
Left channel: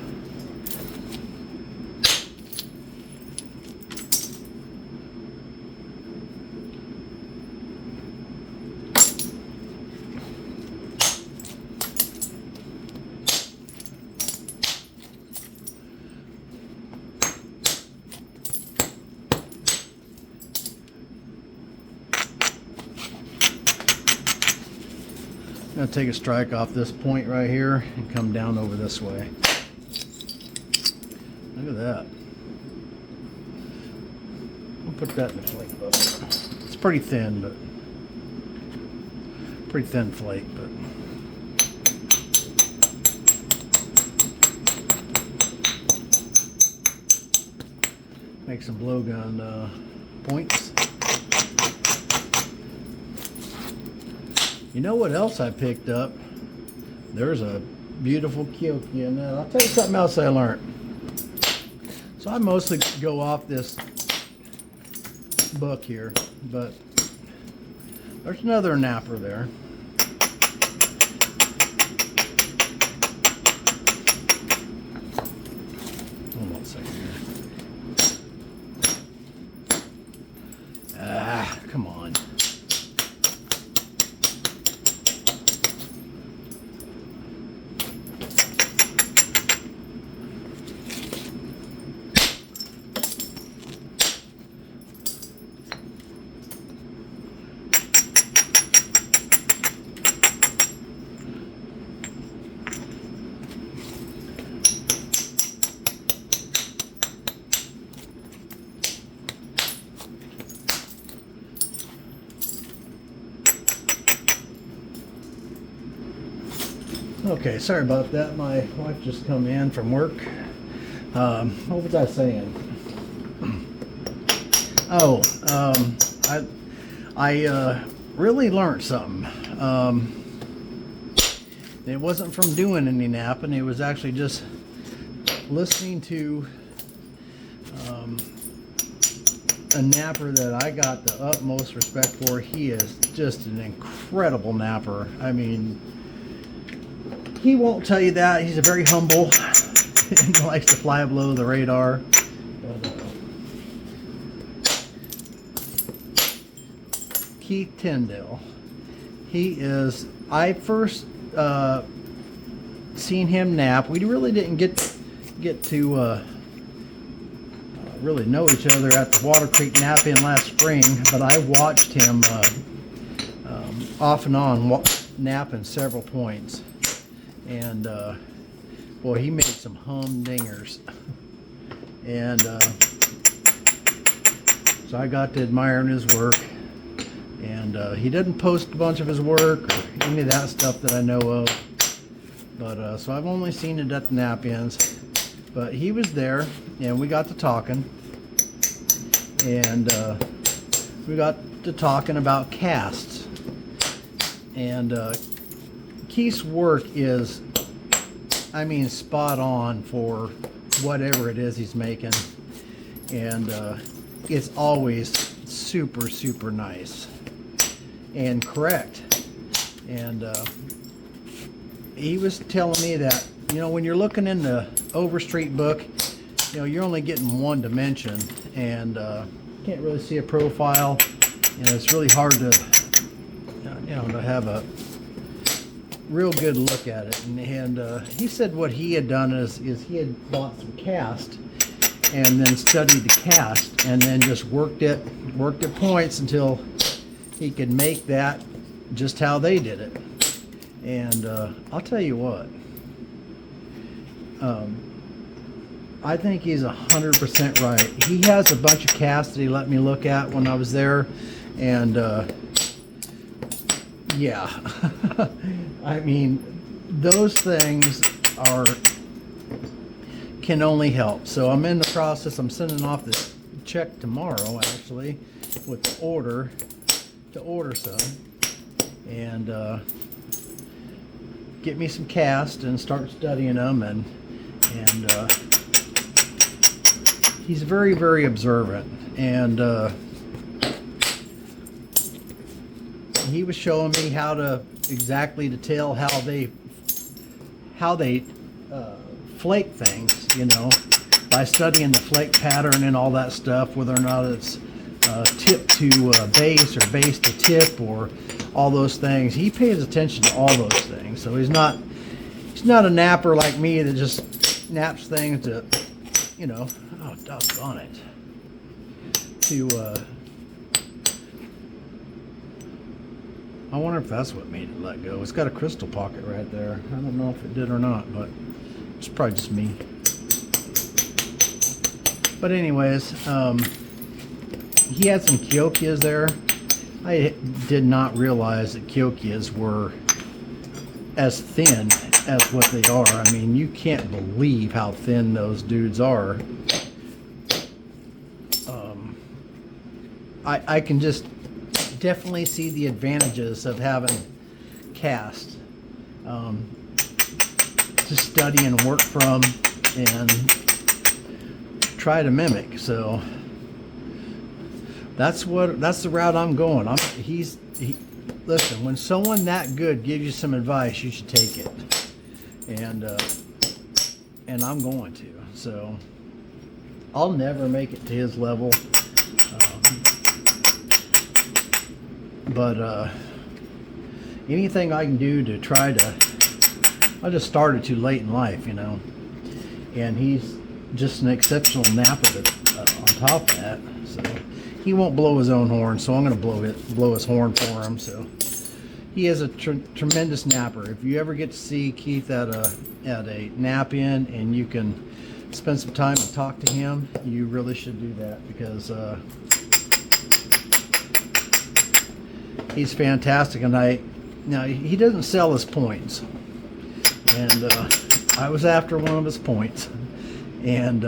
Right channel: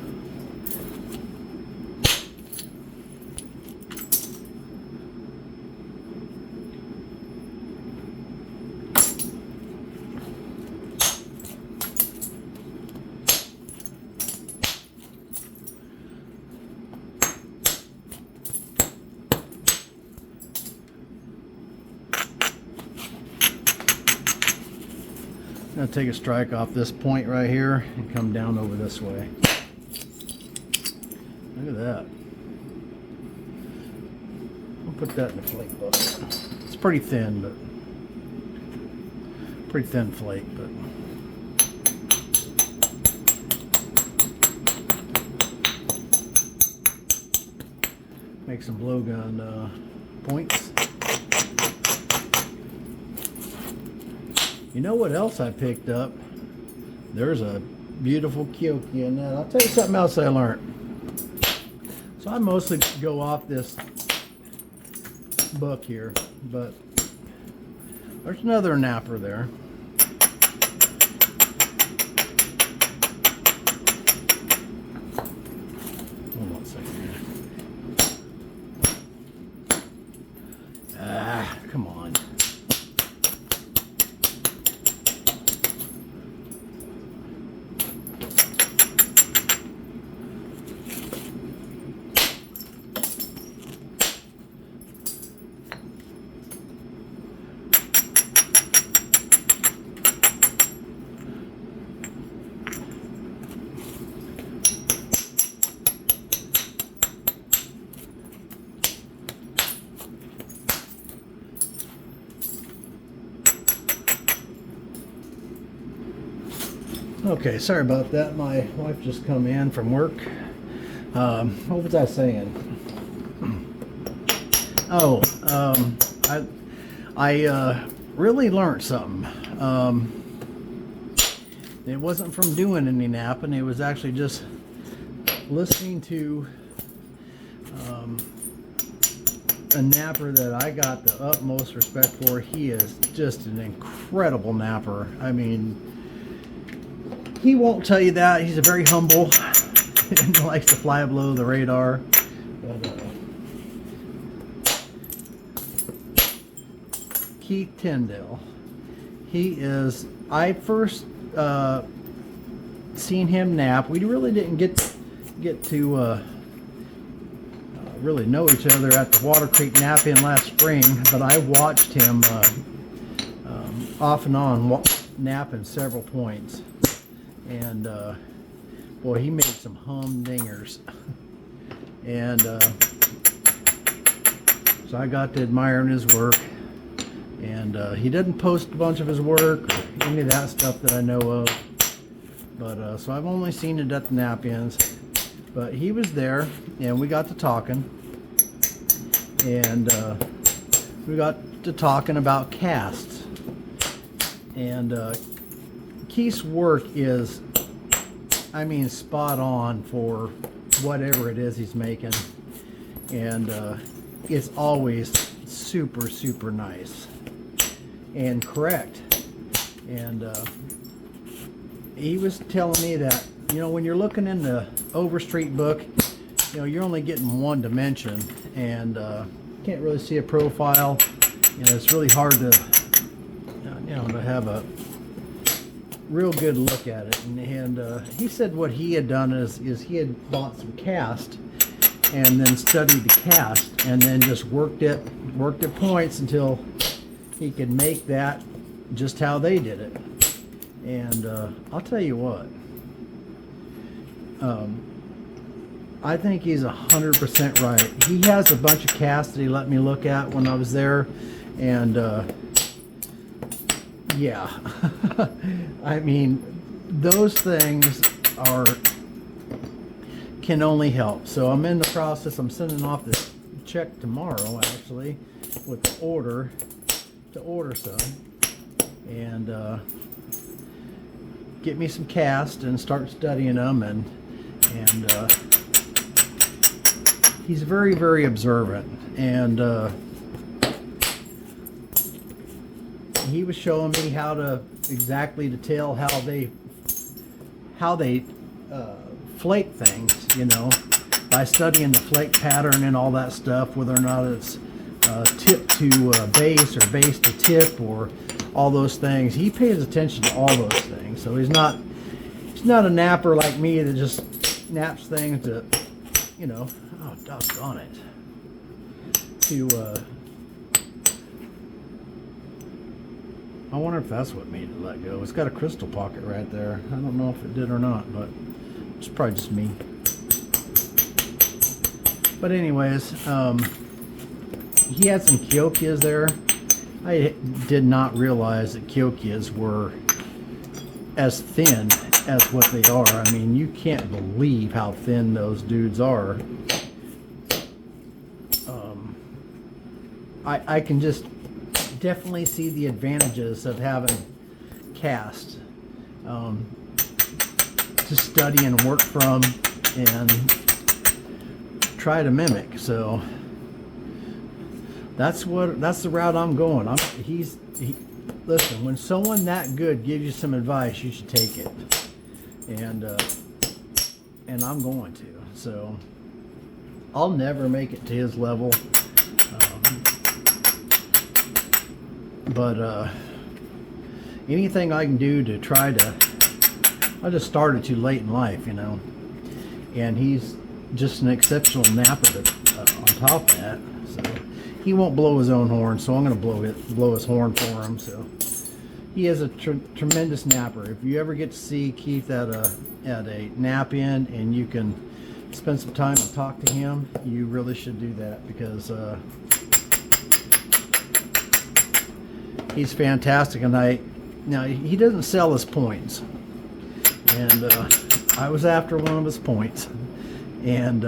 I'm going to take a strike off this point right here and come down over this way. Look at that. I'll put that in the flake bucket. It's pretty thin, but pretty thin flake, but make some blowgun points. You know what else I picked up? There's a beautiful Kyoki in that. I'll tell you something else I learned. So I mostly go off this book here, but there's another napper there. Hold on a second here. Ah, come on. Okay, sorry about that. My wife just come in from work. What was I saying? Oh, I really learned something. It wasn't from doing any napping. It was actually just listening to a napper that I got the utmost respect for. He is just an incredible napper. I mean, he won't tell you that. He's a very humble and likes to fly below the radar. Keith Tyndale. He is, I first seen him nap. We really didn't get to really know each other at the Water Creek Knap-In last spring, but I watched him off and on napping several points, and boy, he made some humdingers. And so I got to admiring his work. And he doesn't post a bunch of his work or any of that stuff that I know of. But so I've only seen it at the Knap-Ins. But he was there, and we got to talking. And we got to talking about casts. And Keith's work is, I mean, spot on for whatever it is he's making. And it's always super, super nice and correct. And he was telling me that, you know, when you're looking in the Overstreet book, you know, you're only getting one dimension, and can't really see a profile. You know, it's really hard to, you know, to have a real good look at it. And he said what he had done is he had bought some cast and then studied the cast and then just worked at points until he could make that just how they did it. And I'll tell you what, I think he's 100% right. He has a bunch of casts that he let me look at when I was there, and yeah, I mean, those things can only help. So I'm in the process. I'm sending off this check tomorrow, actually, with the order to order some, and get me some cast and start studying them. And he's very, very observant, and he was showing me how to exactly to tell how they flake things, you know, by studying the flake pattern and all that stuff, whether or not it's tip to base or base to tip or all those things. He pays attention to all those things. So he's not a napper like me that just naps things to, you know, oh, doggone it, to I wonder if that's what made it let go. It's got a crystal pocket right there. I don't know if it did or not, but it's probably just me. But anyways, he had some Kyokias there. I did not realize that Kyokias were as thin as what they are. I mean, you can't believe how thin those dudes are. I can just definitely see the advantages of having cast to study and work from and try to mimic. So that's the route I'm going. Listen, when someone that good gives you some advice, you should take it, and I'm going to. So I'll never make it to his level, but anything I can do to try to. I just started too late in life, you know, and he's just an exceptional napper on top of that. So he won't blow his own horn, so I'm going to blow his horn for him. So he is a tremendous napper. If you ever get to see Keith at a Knap-In and you can spend some time and talk to him, you really should do that, because he's fantastic. And now he doesn't sell his points, and I was after one of his points, and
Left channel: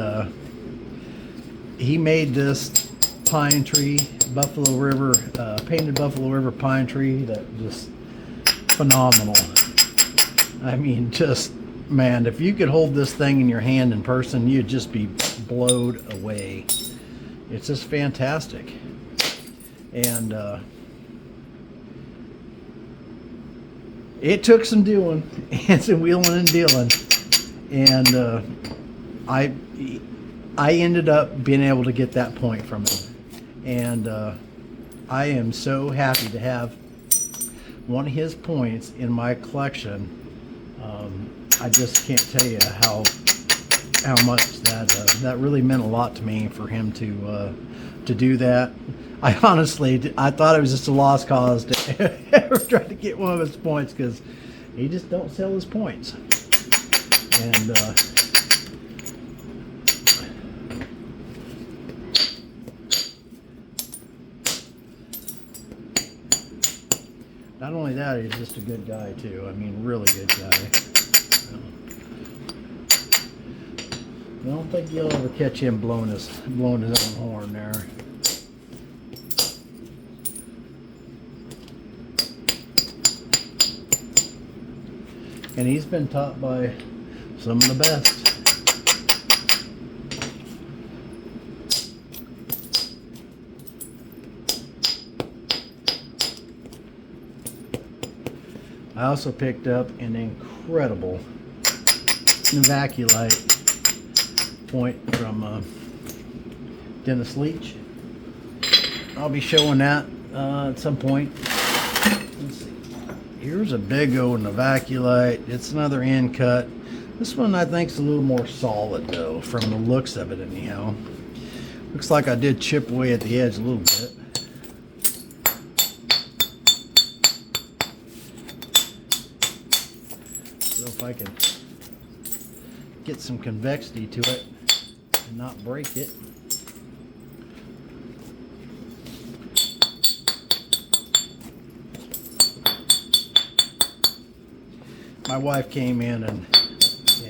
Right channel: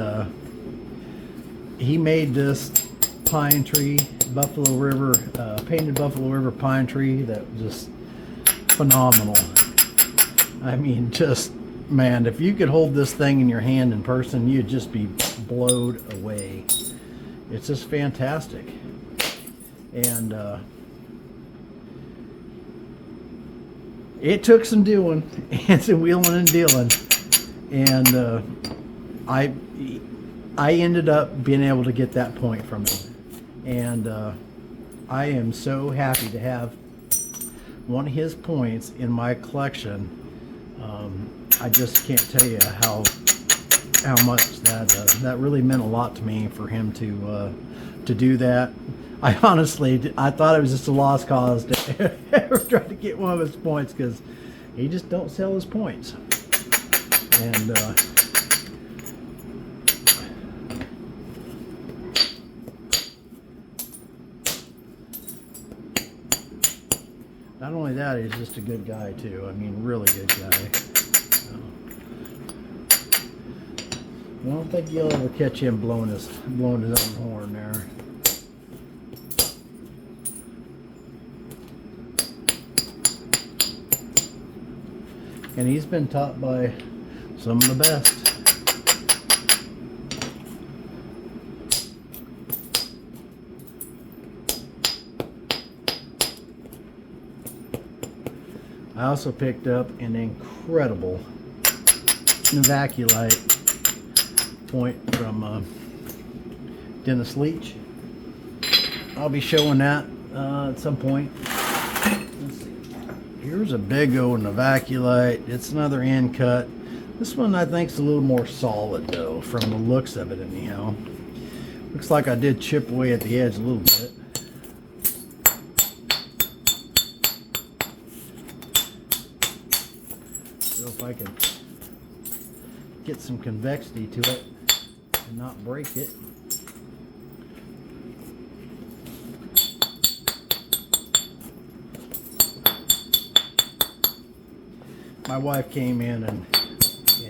he made this pine tree, Buffalo River, painted Buffalo River pine tree that was just phenomenal. I mean, just, man, if you could hold this thing in your hand in person, you'd just be blown away. It's just fantastic. And it took some doing and some wheeling and dealing. And I ended up being able to get that point from him. And I am so happy to have one of his points in my collection. I just can't tell you how much that really meant a lot to me for him to do that. I thought it was just a lost cause to ever try to get one of his points, because he just don't sell his points. And not only that, he's just a good guy too. I mean, really good guy. I don't think you'll ever catch him blowing his own horn there. And he's been taught by some of the best. I also picked up an incredible Novaculite point from Dennis Leach. I'll be showing that at some point. Here's a big old Novaculite. It's another end cut. This one I think is a little more solid though, from the looks of it anyhow. Looks like I did chip away at the edge a little bit. So if I can get some convexity to it and not break it. My wife came in and she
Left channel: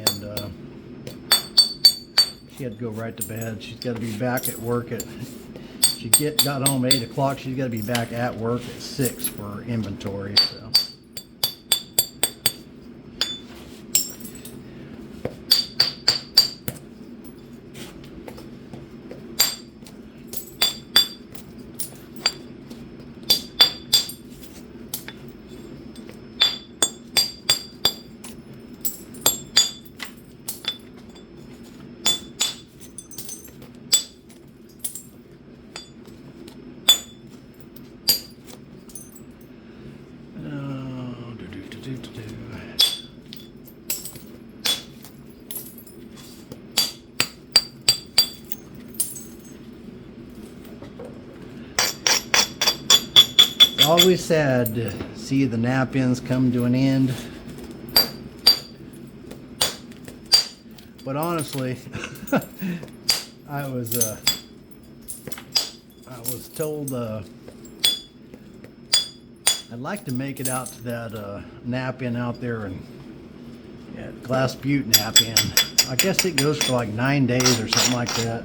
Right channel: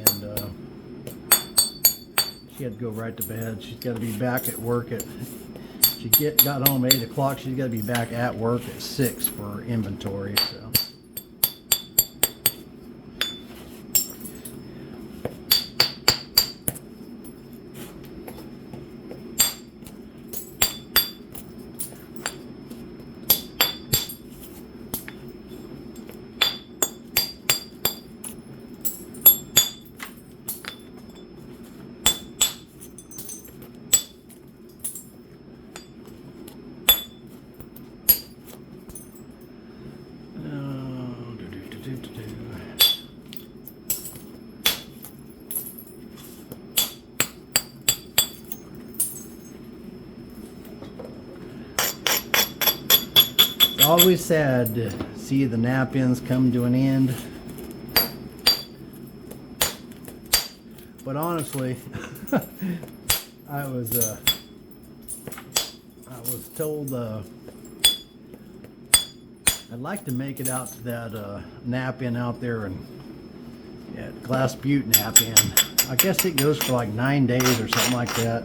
had to go right to bed. She's got to be back at work at, she got home at 8 o'clock. She's got to be back at work at 6 for inventory. So. Always sad to see the Knap-Ins come to an end, but honestly, I was told I'd like to make it out to that Knap-In out there, and yeah, Glass Butte Knap-In. I guess it goes for like 9 days or something like that.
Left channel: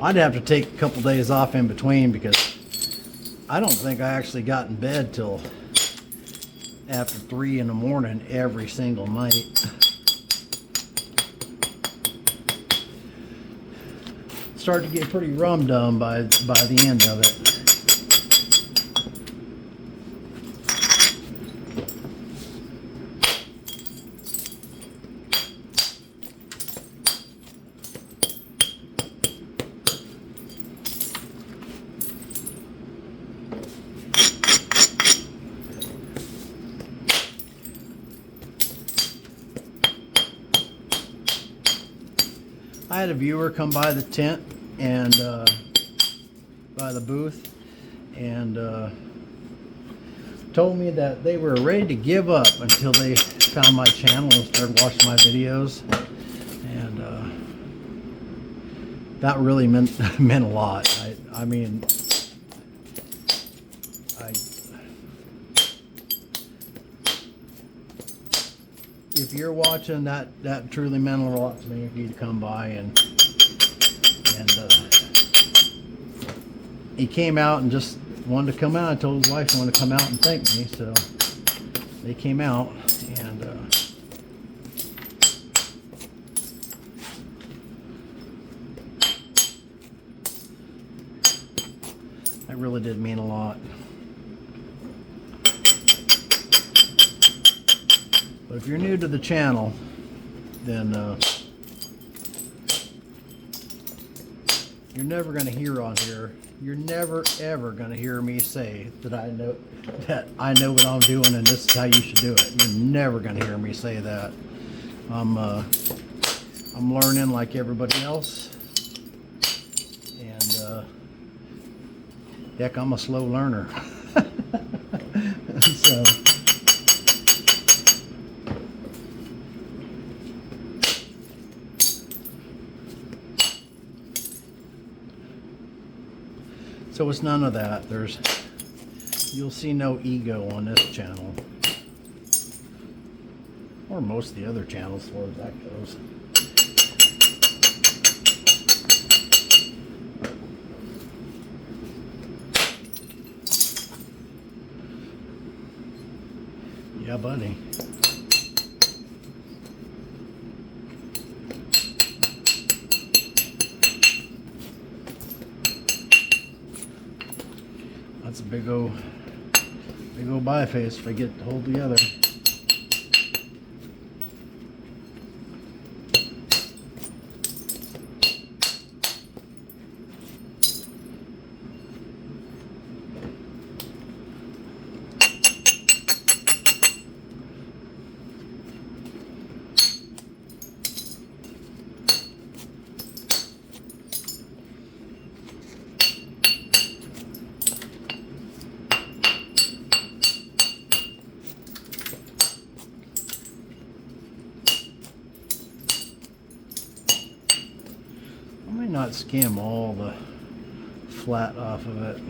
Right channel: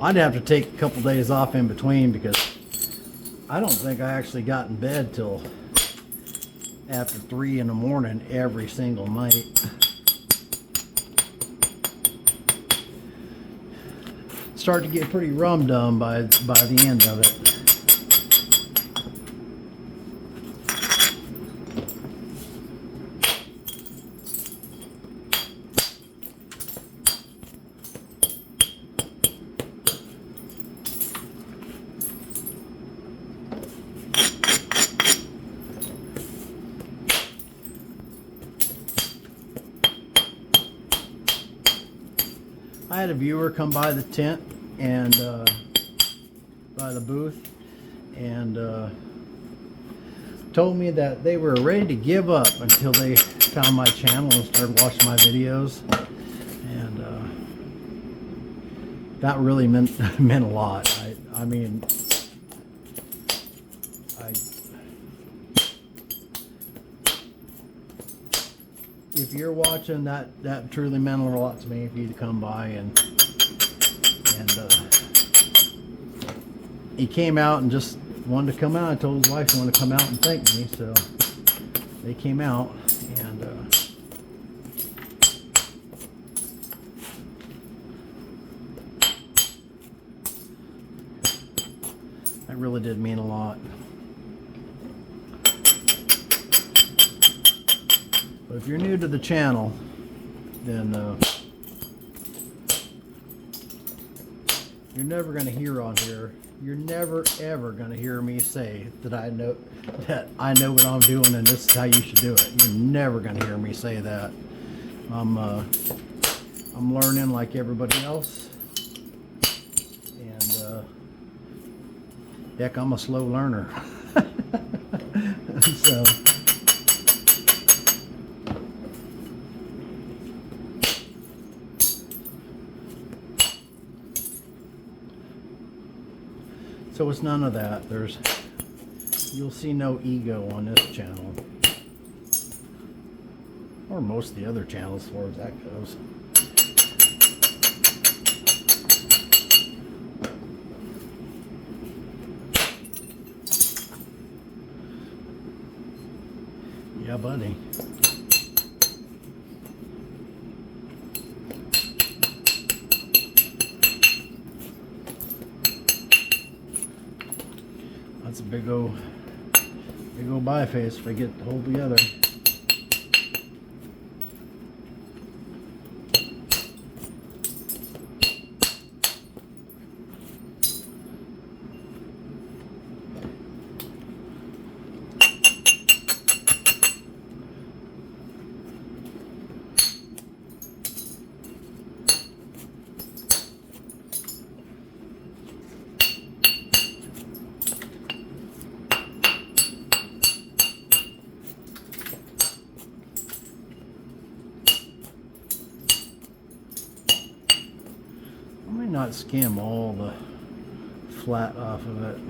I'd have to take a couple days off in between, because I don't think I actually got in bed till after 3 in the morning every single night. Started to get pretty rum-dum by the end of it. I had a viewer come by the tent and by the booth and told me that they were ready to give up until they found my channel and started watching my videos, and that really meant a lot. I mean, if you're watching, that truly meant a lot to me. If you'd come by and he came out and just wanted to come out. I told his wife he wanted to come out and thank me, so they came out and That really did mean a lot. But if you're new to the channel, then you're never going to hear on here, you're never ever going to hear me say that I know what I'm doing and this is how you should do it. You're never going to hear me say that. I'm learning like everybody else, and heck, I'm a slow learner. So it's none of that. You'll see no ego on this channel, or most of the other channels as far as that goes. Yeah, buddy. That's a big old biface if I get to hold together. Not skim all the flat off of it.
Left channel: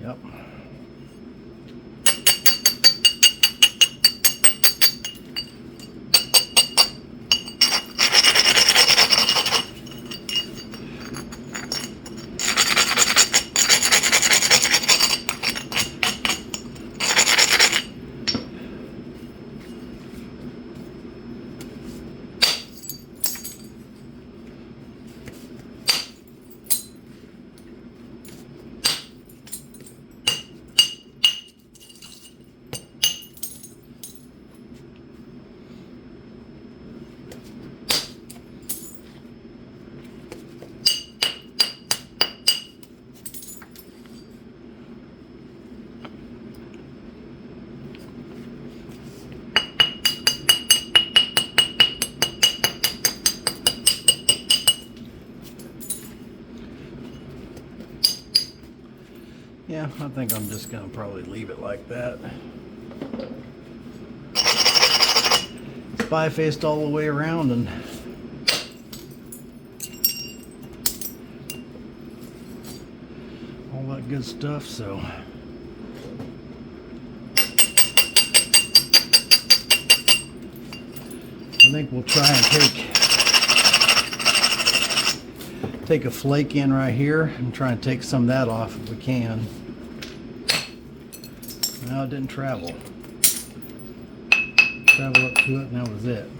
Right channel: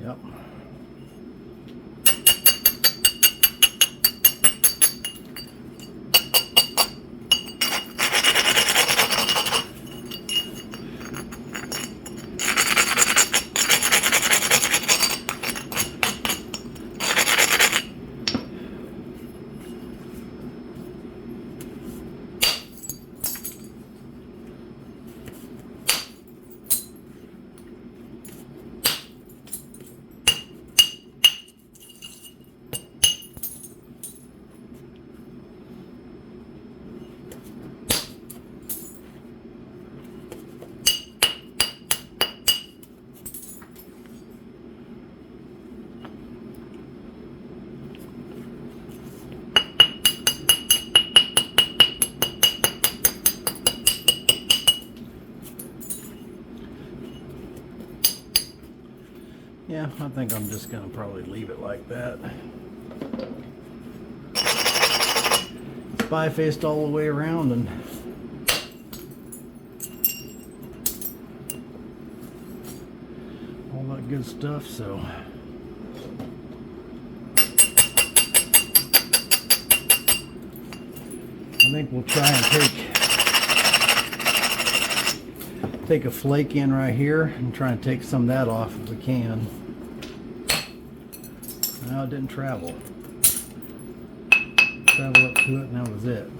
Yep. Yeah, I think I'm just going to probably leave it like that. It's bifaced all the way around and all that good stuff, so I think we'll try and take a flake in right here and try and take some of that off if we can. No, it didn't travel. Travel up to it and that was it.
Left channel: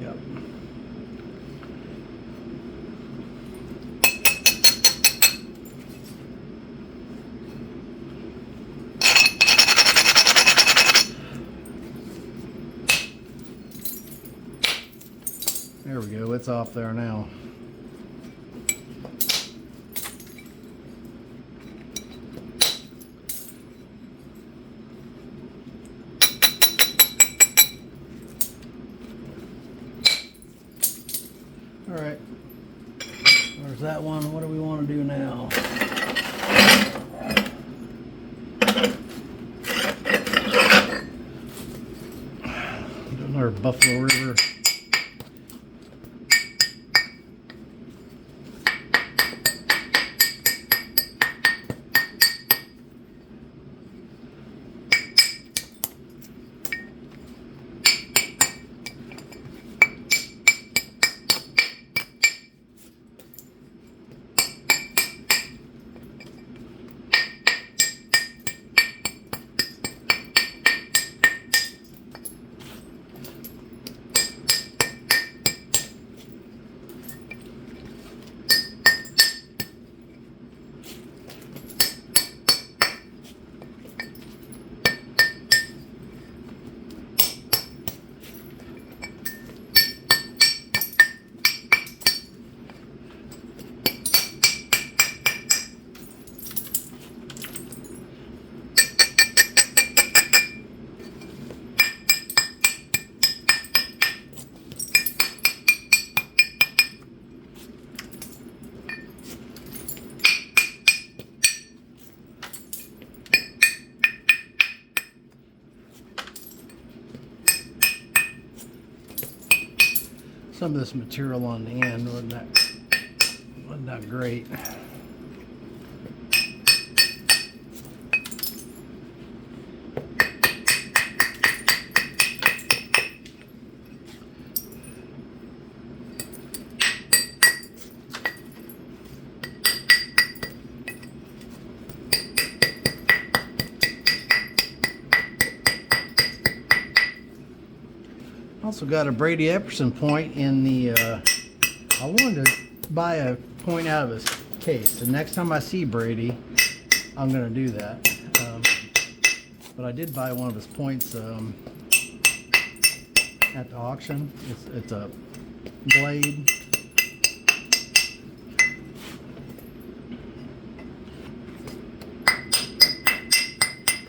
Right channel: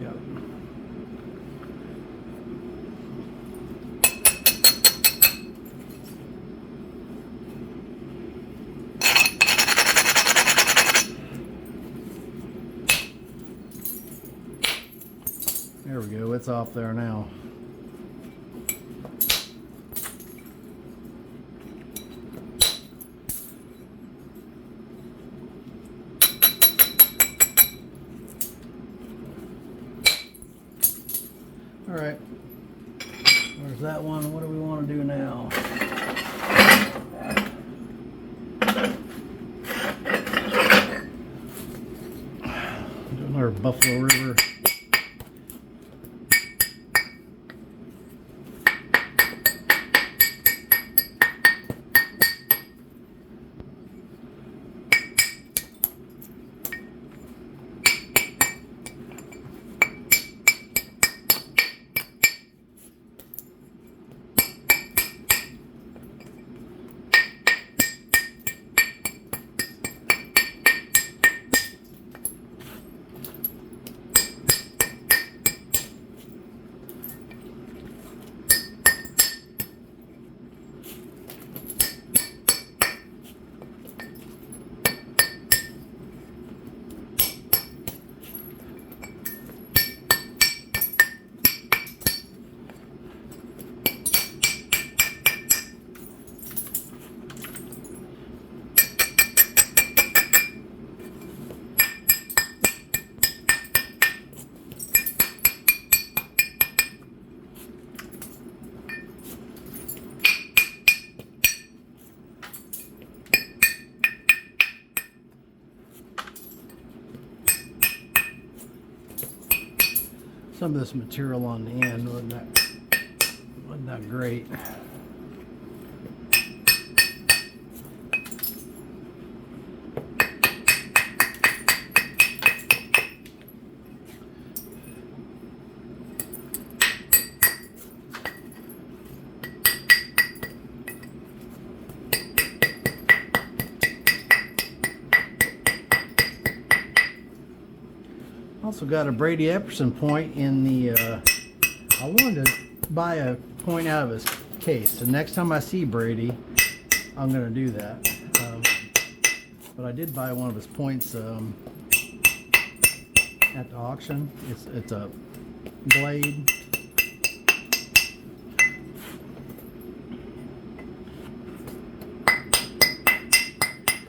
Yep. There we go, it's off there now. All right. that one. What do we want to do now? Our Buffalo River. Some of this material on the end wasn't that great. Also got a Brady Epperson point in the, I wanted to buy a point out of his case. So next time I see Brady, I'm going to do that. But I did buy one of his points at the auction. It's a blade.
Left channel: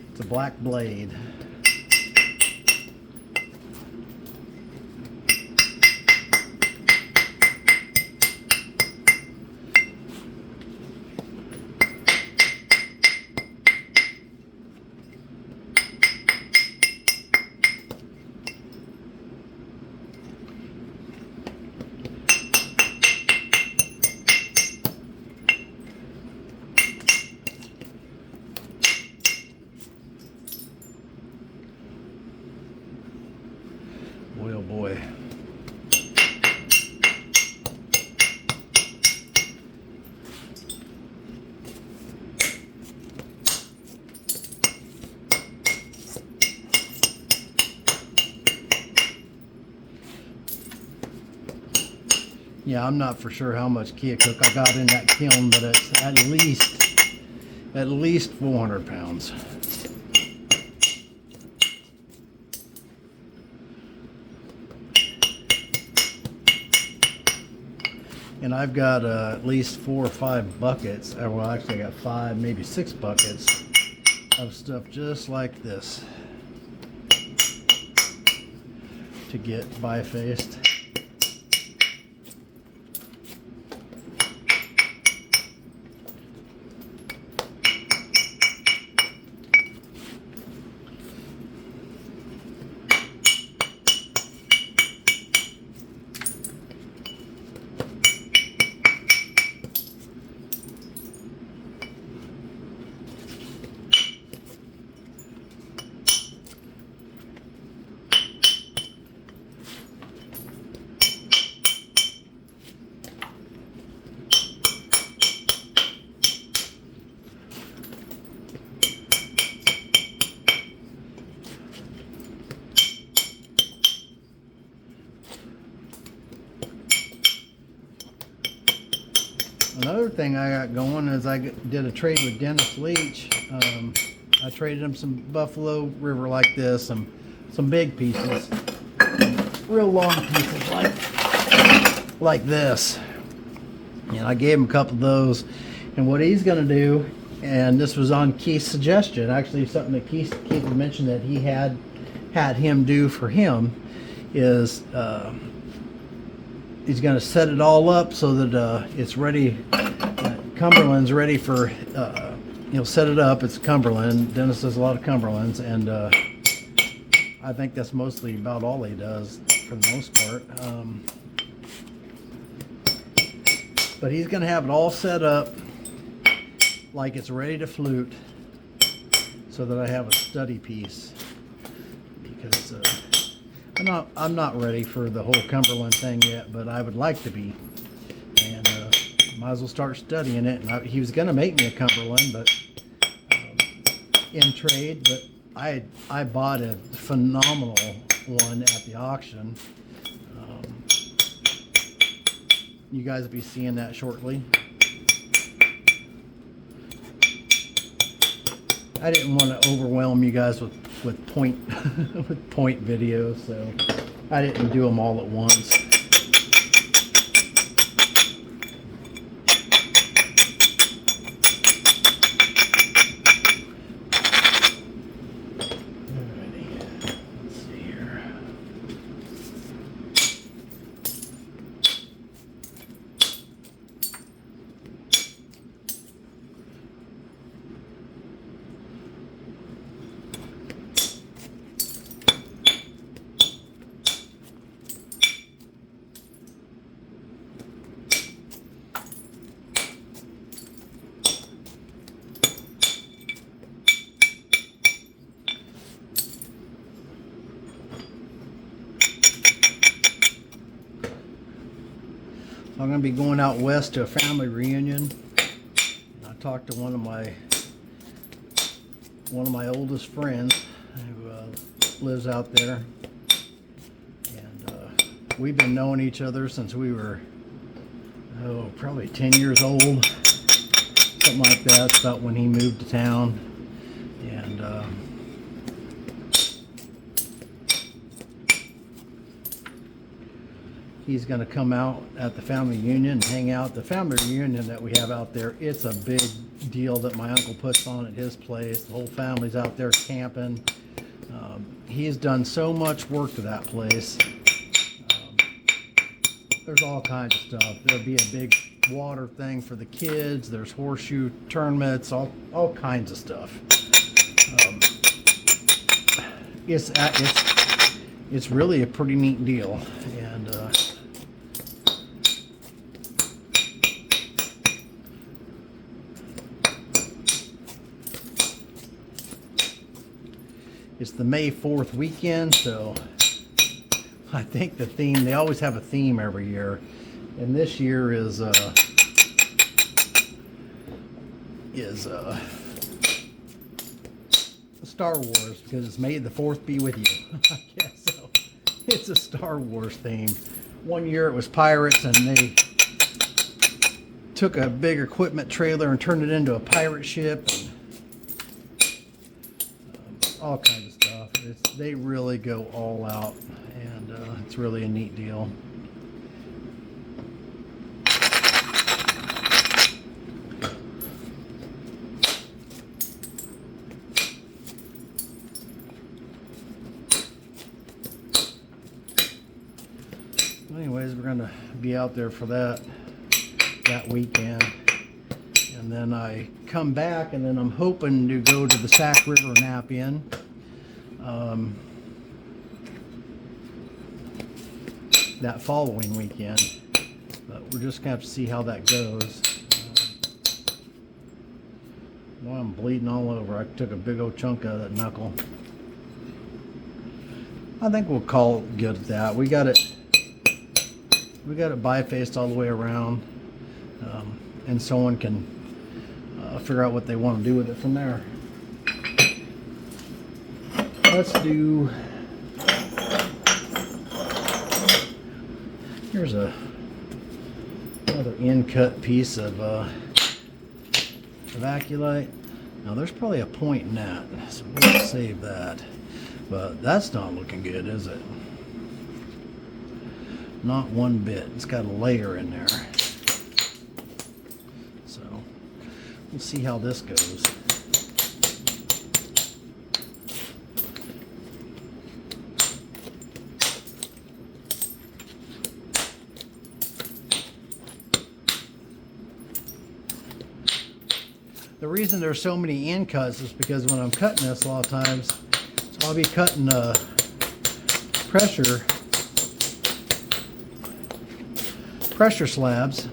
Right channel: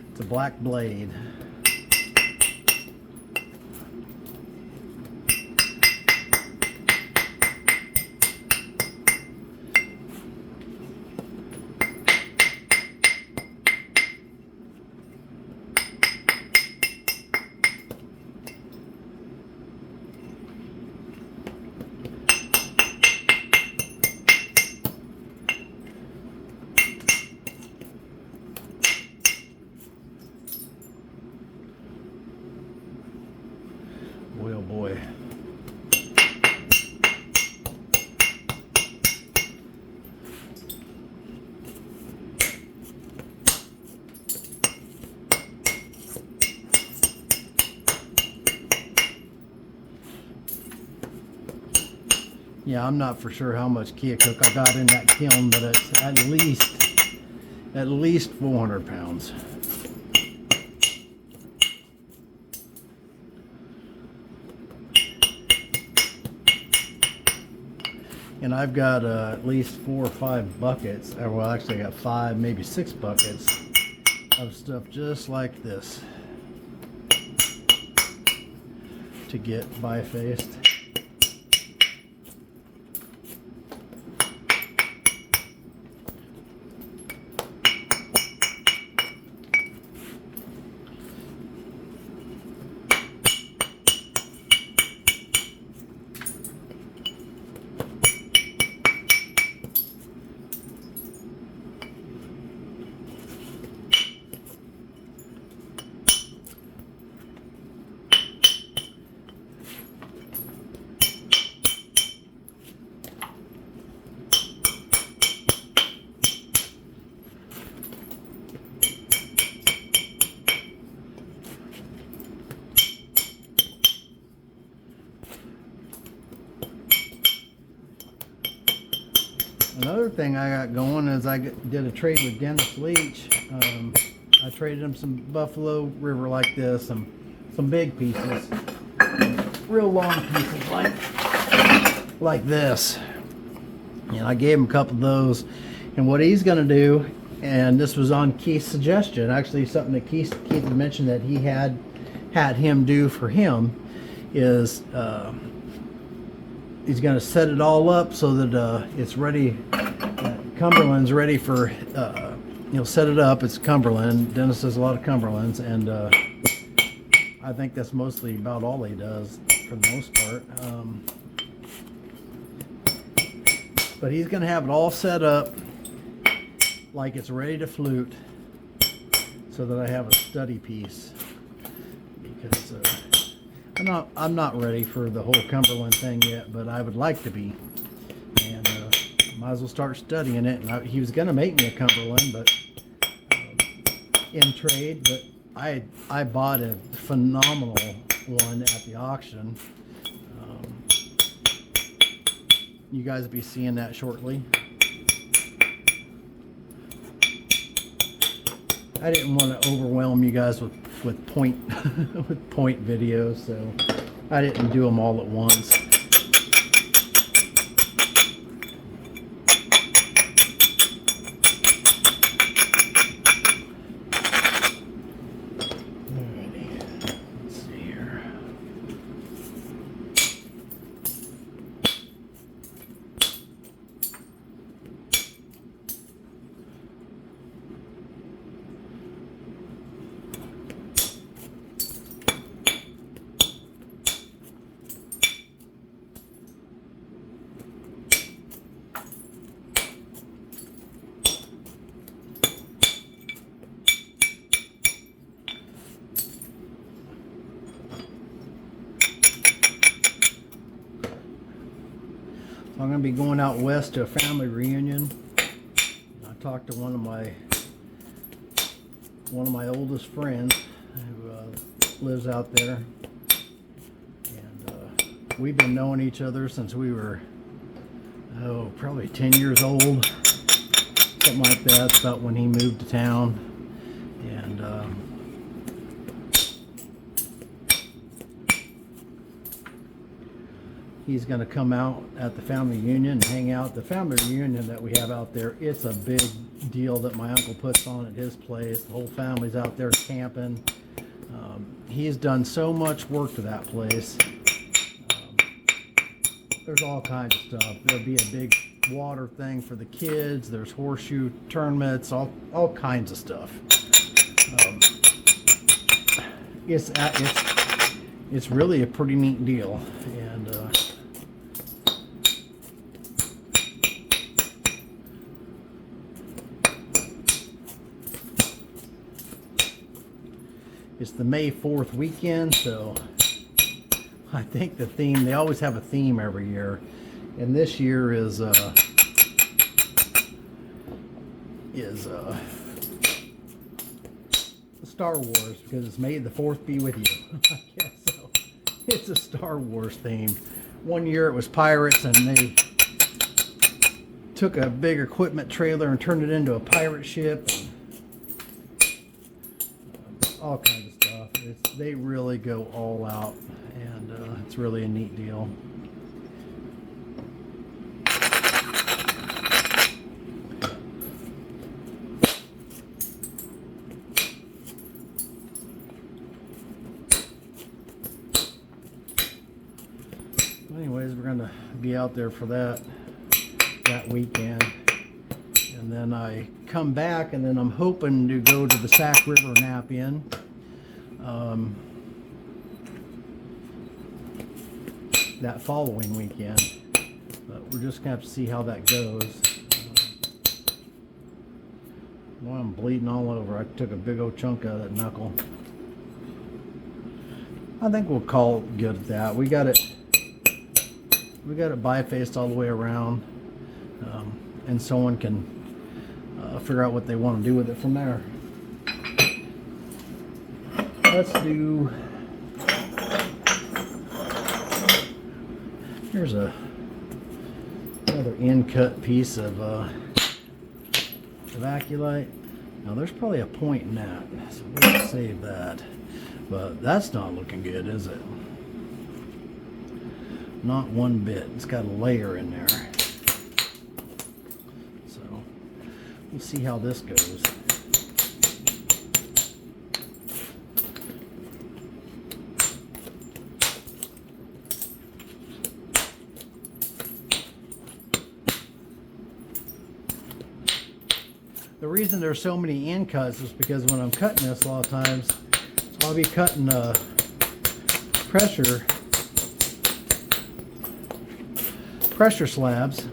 It's a black blade. Boy, oh boy. Yeah, I'm not for sure how much Keokuk I got in that kiln, but it's at least 400 pounds. And I've got at least 4 or 5 buckets, well actually I got 5, maybe 6 buckets of stuff just like this to get bifaced. Another thing I got going is I did a trade with Dennis Leach. I traded him some Buffalo River like this, some big pieces, real long pieces like this. And I gave him a couple of those. And what he's going to do, and this was on Keith's suggestion, actually something that Keith had mentioned that he had him do for him, is he's going to set it all up so that it's ready. Cumberland's ready for, he'll set it up. It's Cumberland. Dennis does a lot of Cumberlands, and I think that's mostly about all he does for the most part. But he's going to have it all set up like it's ready to flute so that I have a study piece, because I'm not ready for the whole Cumberland thing yet, but I would like to be, and might as well start studying it. And he was going to make me a Cumberland, but in trade, but I bought a phenomenal one at the auction. You guys will be seeing that shortly. I didn't want to overwhelm you guys with point with point videos, so I didn't do them all at once. I'm going to be going out west to a family reunion. I talked to one of my oldest friends who lives out there, and we've been knowing each other since we were probably 10 years old, something like that. It's about when he moved to town, and he's going to come out at the family reunion and hang out. The family reunion that we have out there, it's a big deal that my uncle puts on at his place. The whole family's out there camping. He's done so much work to that place. There's all kinds of stuff. There'll be a big water thing for the kids. There's horseshoe tournaments, all kinds of stuff. It's really a pretty neat deal, and it's the May 4th weekend, so I think the theme, they always have a theme every year, and this year is Star Wars, because it's May the 4th be with you. I guess so. It's a Star Wars theme. One year it was pirates, and they took a big equipment trailer and turned it into a pirate ship, and all kinds of stuff. They really go all out, and it's really a neat deal. Anyways, we're going to be out there for that weekend, and then I come back, and then I'm hoping to go to the Sac River Knap-In. That following weekend, but we're just gonna have to see how that goes. Well, I'm bleeding all over. I took a big old chunk out of that knuckle. I think we'll call it good at that. We got it bifaced all the way around, and someone can figure out what they want to do with it from there. Let's do, here's another in-cut piece of Vaculite. Now there's probably a point in that, so we'll save that. But that's not looking good, is it? Not one bit. It's got a layer in there. So we'll see how this goes. The reason there's so many end cuts is because when I'm cutting this a lot of times, so I'll be cutting pressure slabs.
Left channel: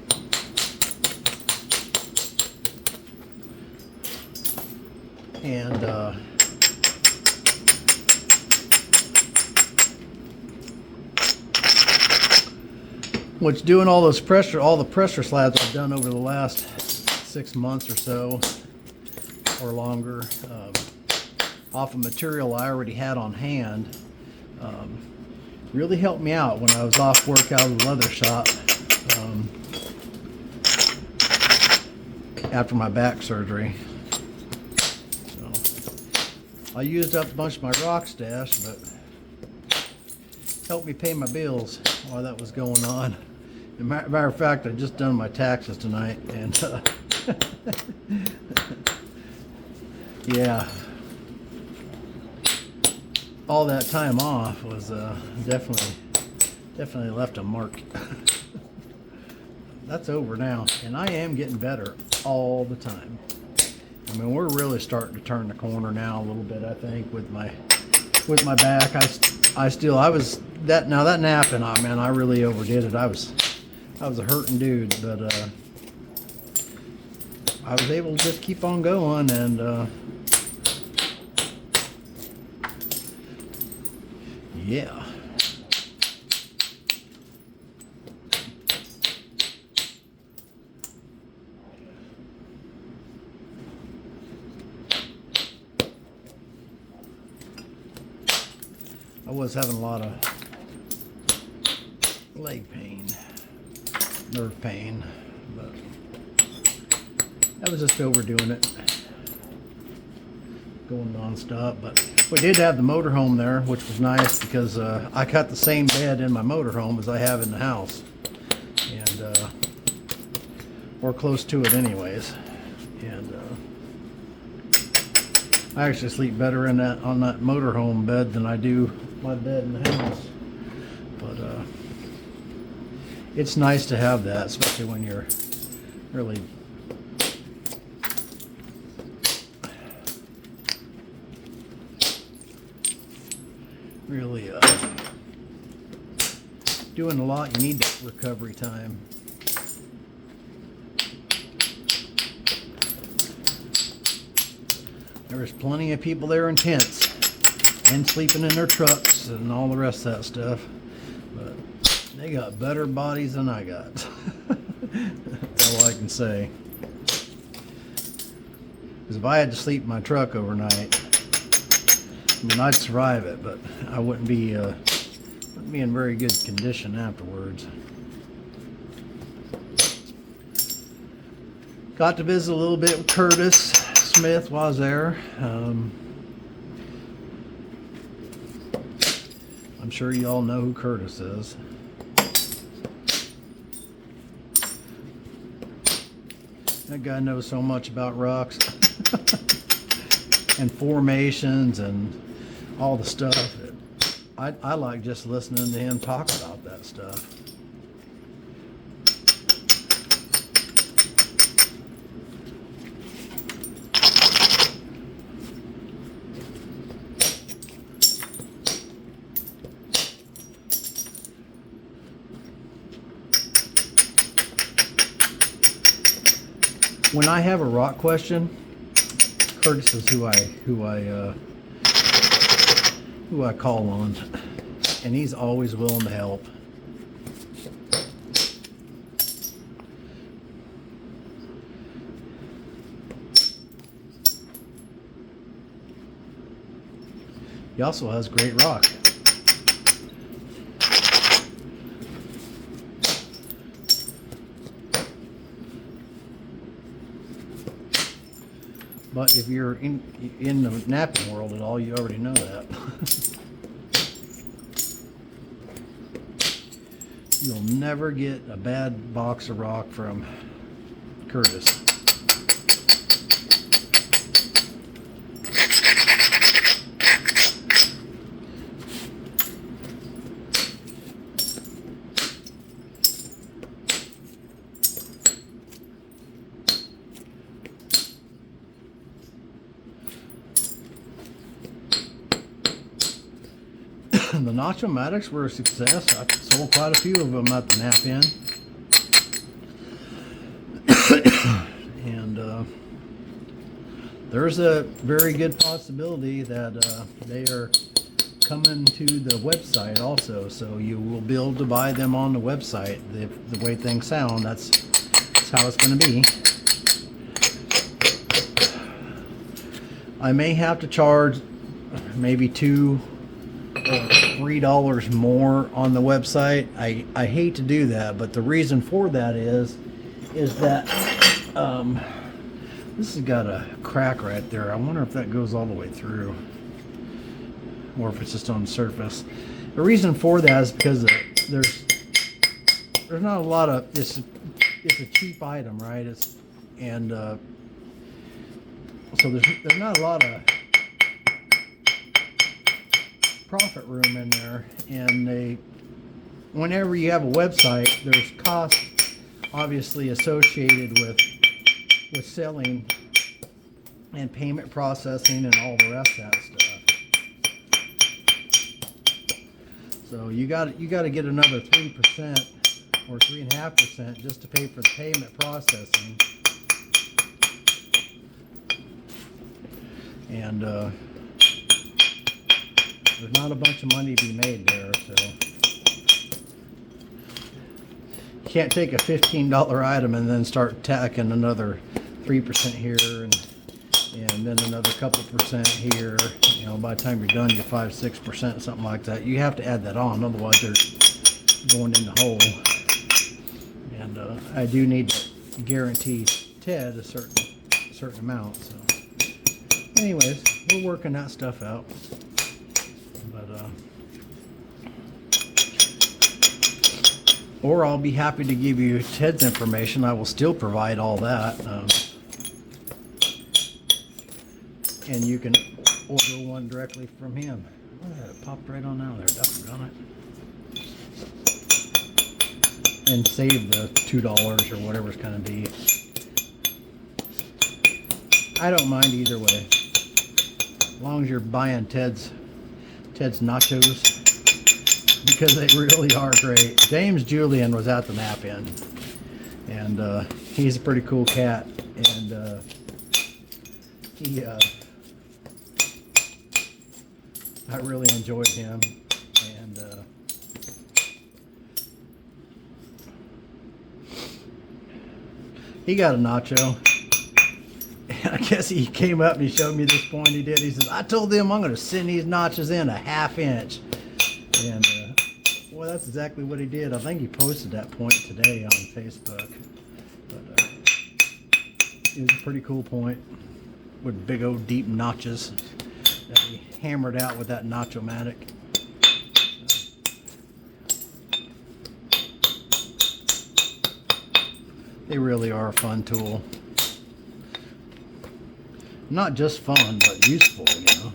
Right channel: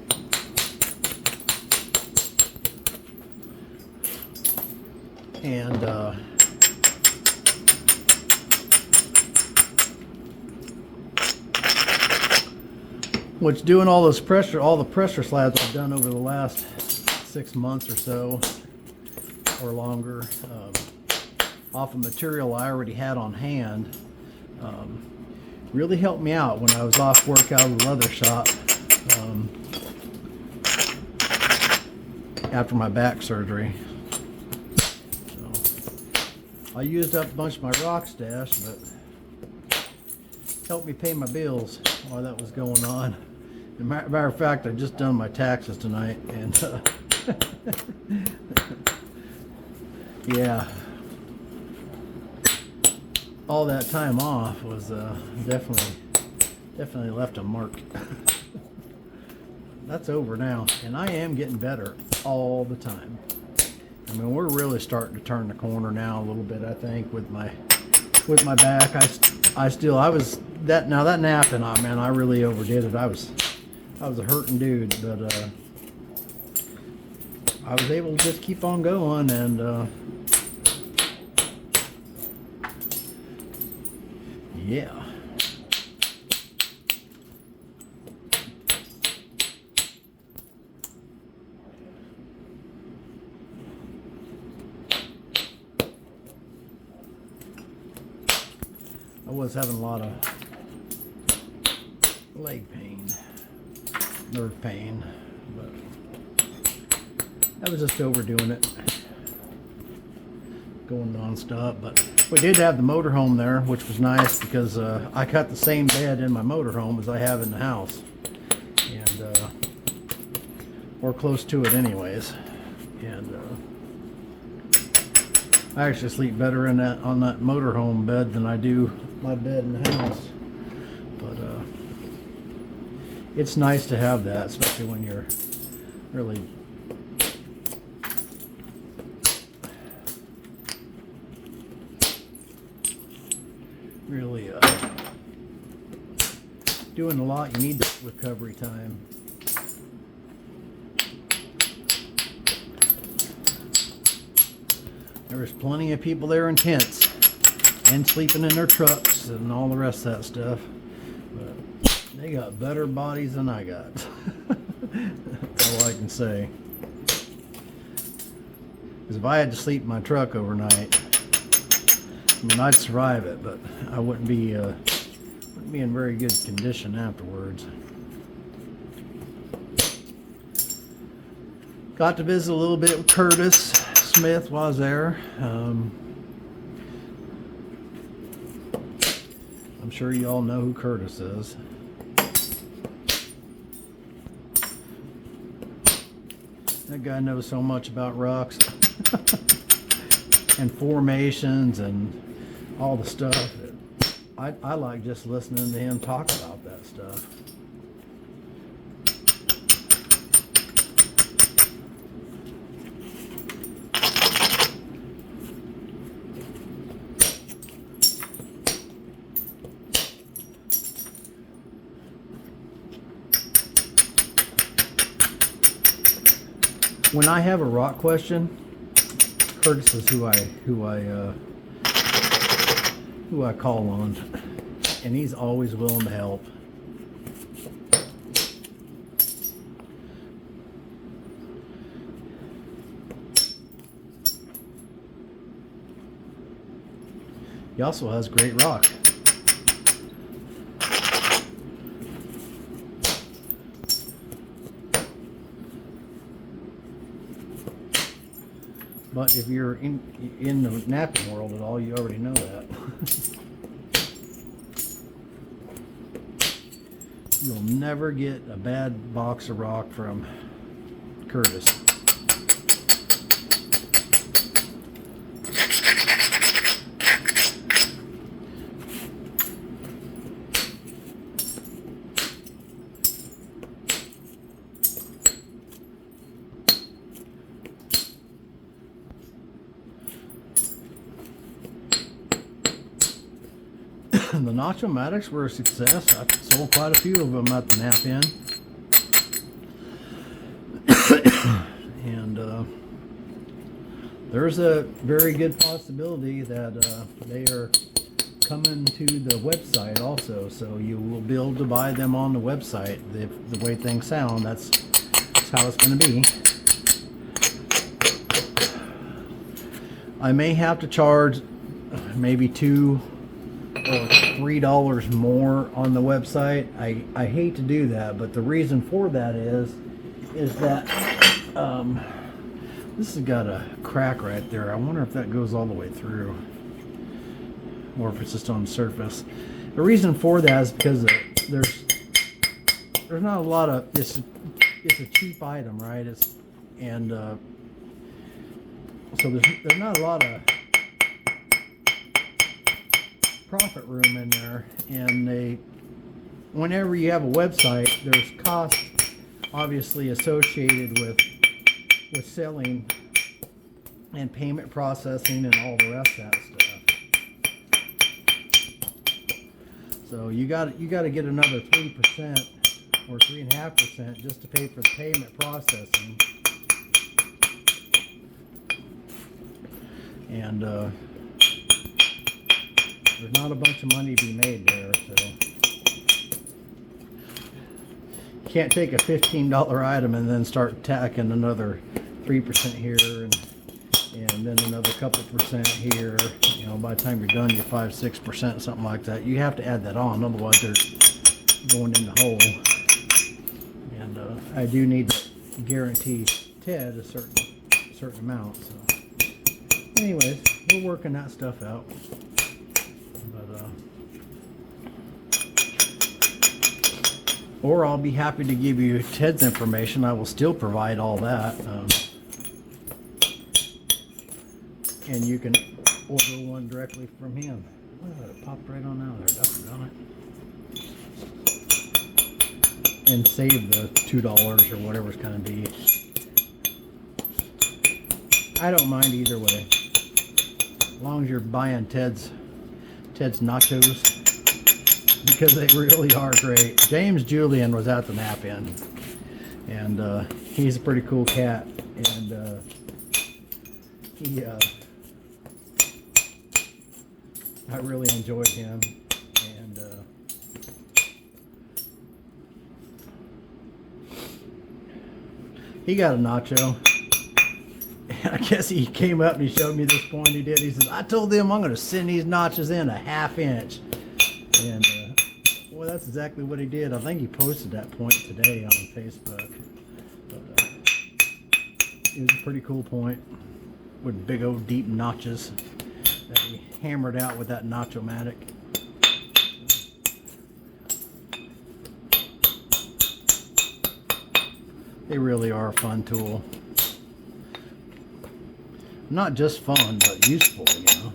And which doing all the pressure slabs I've done over the last 6 months or so, or longer, off of material I already had on hand, really helped me out when I was off work out of the leather shop after my back surgery. So I used up a bunch of my rock stash, but helped me pay my bills while that was going on. As a matter of fact, I just done my taxes tonight, and yeah, all that time off was definitely left a mark. That's over now, and I am getting better all the time. I mean, we're really starting to turn the corner now a little bit, I think, with my back. I was that Knap-In, man, I really overdid it. I was a hurting dude, but I was able to just keep on going, and yeah. I was having a lot of leg pain, nerve pain, but I was just overdoing it, going non-stop. But we did have the motorhome there, which was nice because I cut the same bed in my motorhome as I have in the house, and or close to it anyways. And I actually sleep better on that motorhome bed than I do my bed in the house. But it's nice to have that, especially when you're really doing a lot. You need the recovery time. There's plenty of people there in tents and sleeping in their trucks and all the rest of that stuff, but they got better bodies than I got. That's all I can say. Because if I had to sleep in my truck overnight, I mean, I'd survive it, but I wouldn't be in very good condition afterwards. Got to visit a little bit with Curtis Smith while I was there. I'm sure you all know who Curtis is. That guy knows so much about rocks and formations and all the stuff. I like just listening to him talk about that stuff. When I have a rock question, Curtis is who I call on, and he's always willing to help. He also has great rock. But if you're in the knapping world at all, you already know that. You'll never get a bad box of rock from Curtis. the Nacho-Matics were a success. I sold quite a few of them at the Knap-In. And there's a very good possibility that they are coming to the website also, so you will be able to buy them on the website. The way things sound, that's how it's going to be. I may have to charge maybe $2 or $3 more on the website. I hate to do that, but the reason for that is that this has got a crack right there. I wonder if that goes all the way through, or if it's just on the surface. The reason for that is because there's not a lot of, it's a cheap item, right? So there's not a lot of profit room in there, and whenever you have a website, there's costs obviously associated with selling and payment processing and all the rest of that stuff. So you got to get another 3% or 3.5% just to pay for the payment processing. And there's not a bunch of money to be made there, so you can't take a $15 item and then start tacking another 3% here and then another couple percent here. You know, by the time you're done, you're 5-6%, something like that. You have to add that on, otherwise they're going in the hole. And I do need to guarantee Ted a certain amount. So, anyways, we're working that stuff out. But or I'll be happy to give you Ted's information. I will still provide all that. And you can order one directly from him. Look at that, it popped right on out there. Doggone it. And save the $2 or whatever it's going to be. I don't mind either way. As long as you're buying Ted's nachos, because they really are great. James Julian was at the Knap-In, and he's a pretty cool cat, and I really enjoyed him, and he got a nacho. I guess he came up and he showed me this point he did. He says, I told them I'm going to send these notches in a 1/2 inch. And, well, that's exactly what he did. I think he posted that point today on Facebook. But it was a pretty cool point with big old deep notches that he hammered out with that Nacho-Matic. They really are a fun tool. Not just fun, but useful, you know.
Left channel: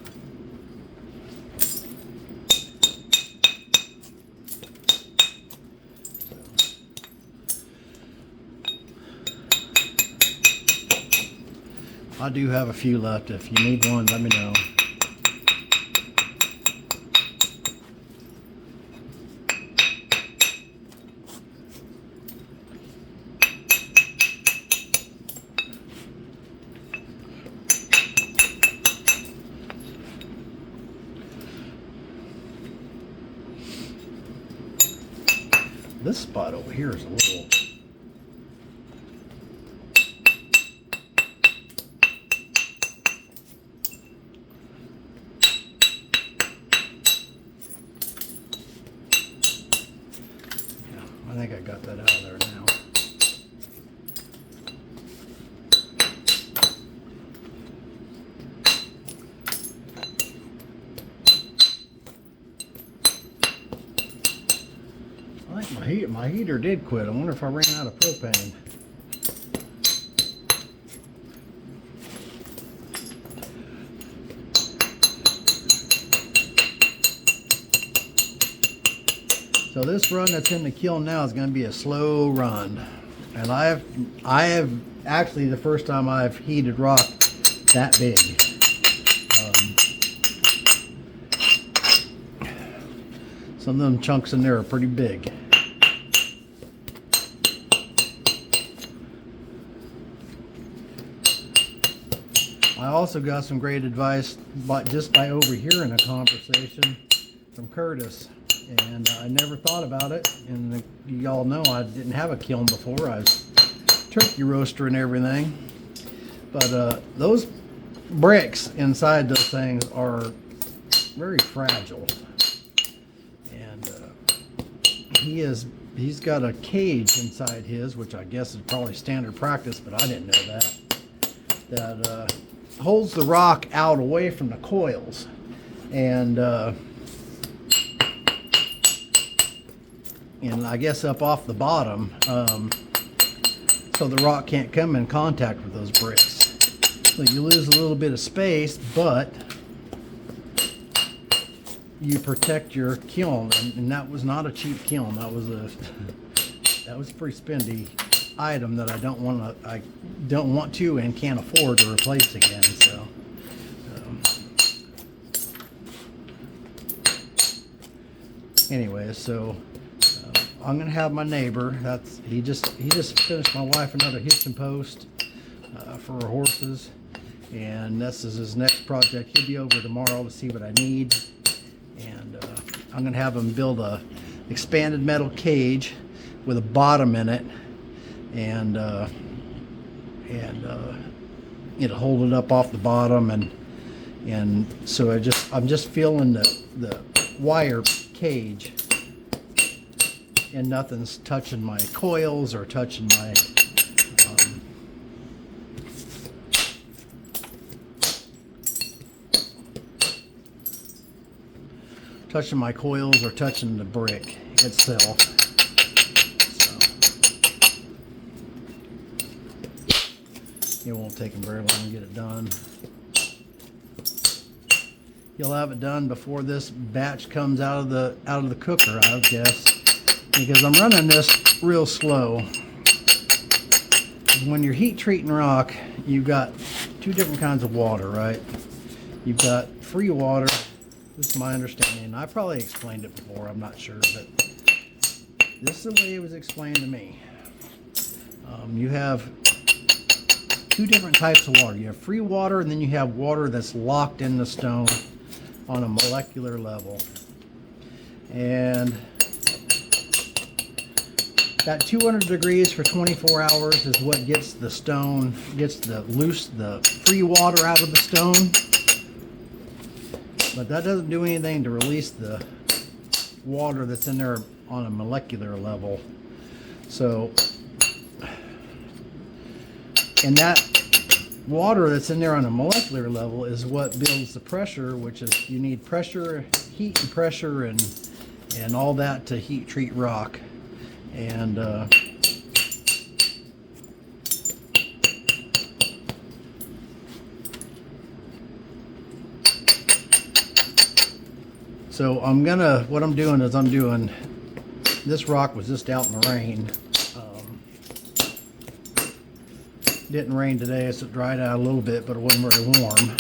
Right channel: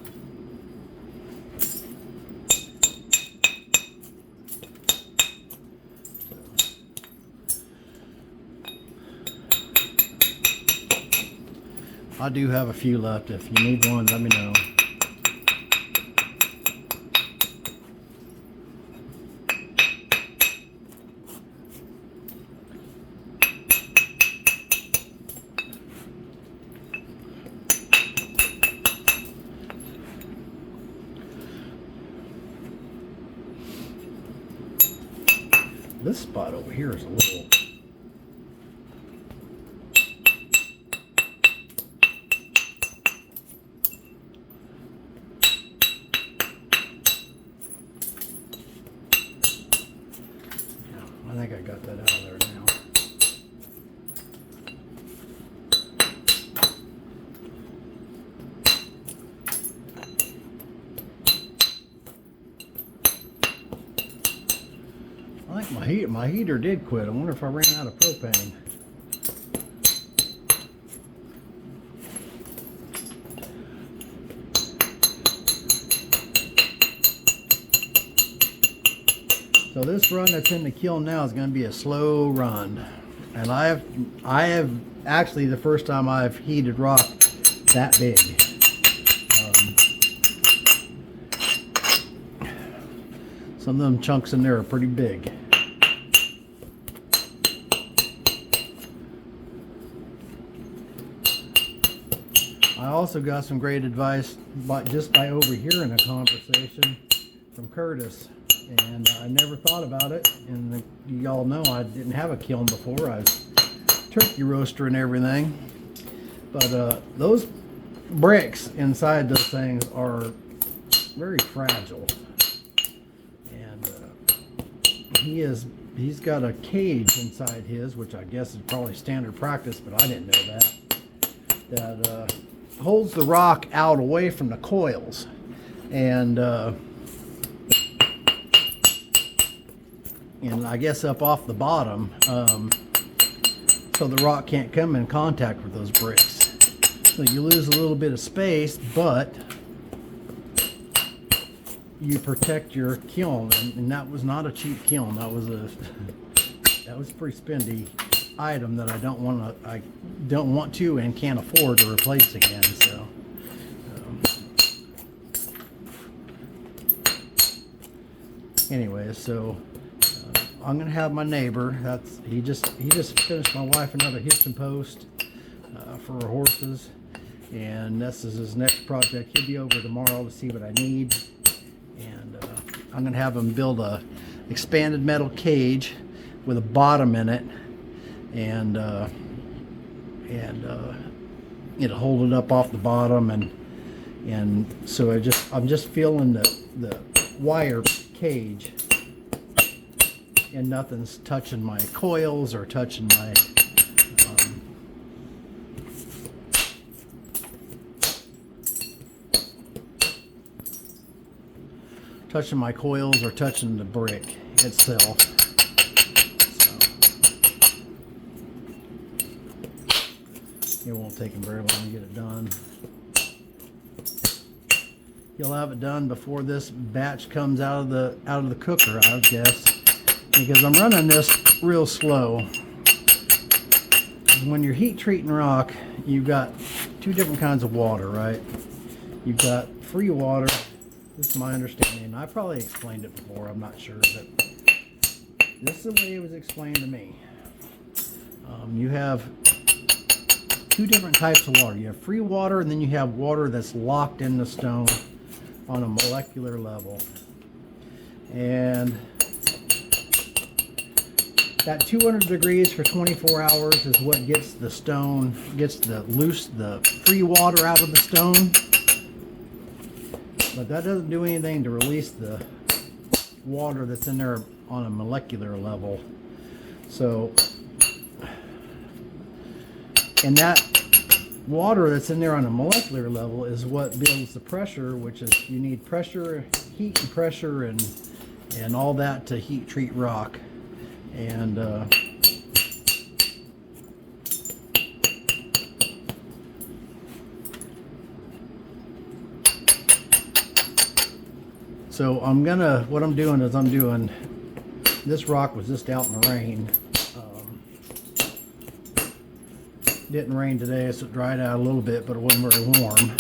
I do have a few left. If you need one, let me know. This spot over here is a little... I think I got that out of there now. I think my heater did quit. I wonder if I ran out of propane. So this run that's in the kiln now is going to be a slow run, and I have actually the first time I've heated rock that big. Some of them chunks in there are pretty big. I also got some great advice just by overhearing a conversation from Curtis, and I never thought about it. And you all know I didn't have a kiln before. I was turkey roaster and everything, but those bricks inside those things are very fragile, and he's got a cage inside his, which I guess is probably standard practice, but I didn't know that holds the rock out away from the coils, and I guess up off the bottom, so the rock can't come in contact with those bricks. So you lose a little bit of space, but you protect your kiln, and that was not a cheap kiln. That was a pretty spendy item that I don't want to and can't afford to replace again. So anyway, so I'm gonna have my neighbor. He just finished my wife another hitch and post for her horses, and this is his next project. He'll be over tomorrow to see what I need, and I'm gonna have him build a expanded metal cage with a bottom in it, and hold it up off the bottom, and so I'm just feeling the wire cage, and nothing's touching my coils or touching my coils or touching the brick itself. So it won't take him very long to get it done. He'll have it done before this batch comes out of the cooker, I guess, because I'm running this real slow. When you're heat treating rock, you've got two different kinds of water, right? You've got free water. This is my understanding. I probably explained it before, I'm not sure, but this is the way it was explained to me. You have two different types of water. You have free water, and then you have water that's locked in the stone on a molecular level. And that 200 degrees for 24 hours is what gets the free water out of the stone. But that doesn't do anything to release the water that's in there on a molecular level. So, and that water that's in there on a molecular level is what builds the pressure, which is, you need pressure, heat and pressure, and all that to heat treat rock. And so what I'm doing is this rock was just out in the rain. Didn't rain today, so it dried out a little bit, but it wasn't very warm.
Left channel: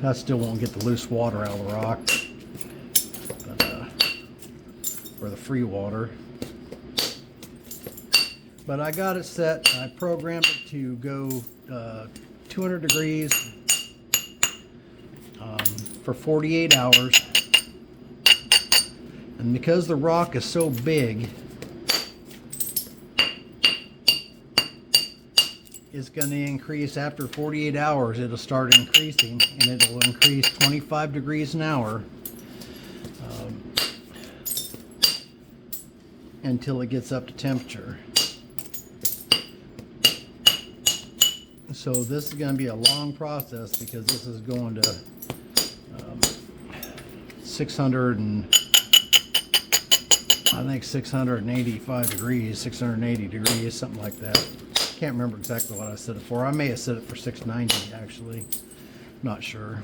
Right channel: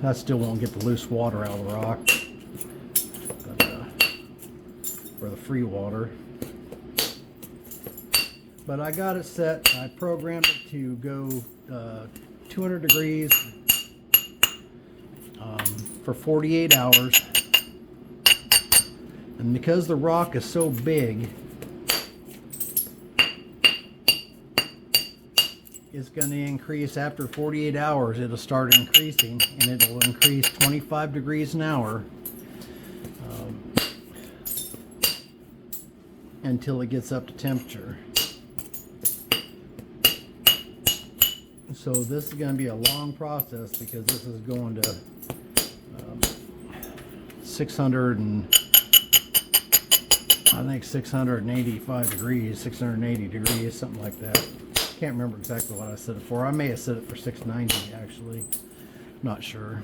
That still won't get the loose water out of the rock, or the free water. But I got it set. I programmed it to go 200 degrees for 48 hours. And because the rock is so big, it's going to increase after 48 hours. It'll start increasing, and it'll increase 25 degrees an hour until it gets up to temperature. So this is going to be a long process, because this is going to 685 degrees, 680 degrees, something like that. Can't remember exactly what I set it for. I may have set it for 690 actually. Not sure.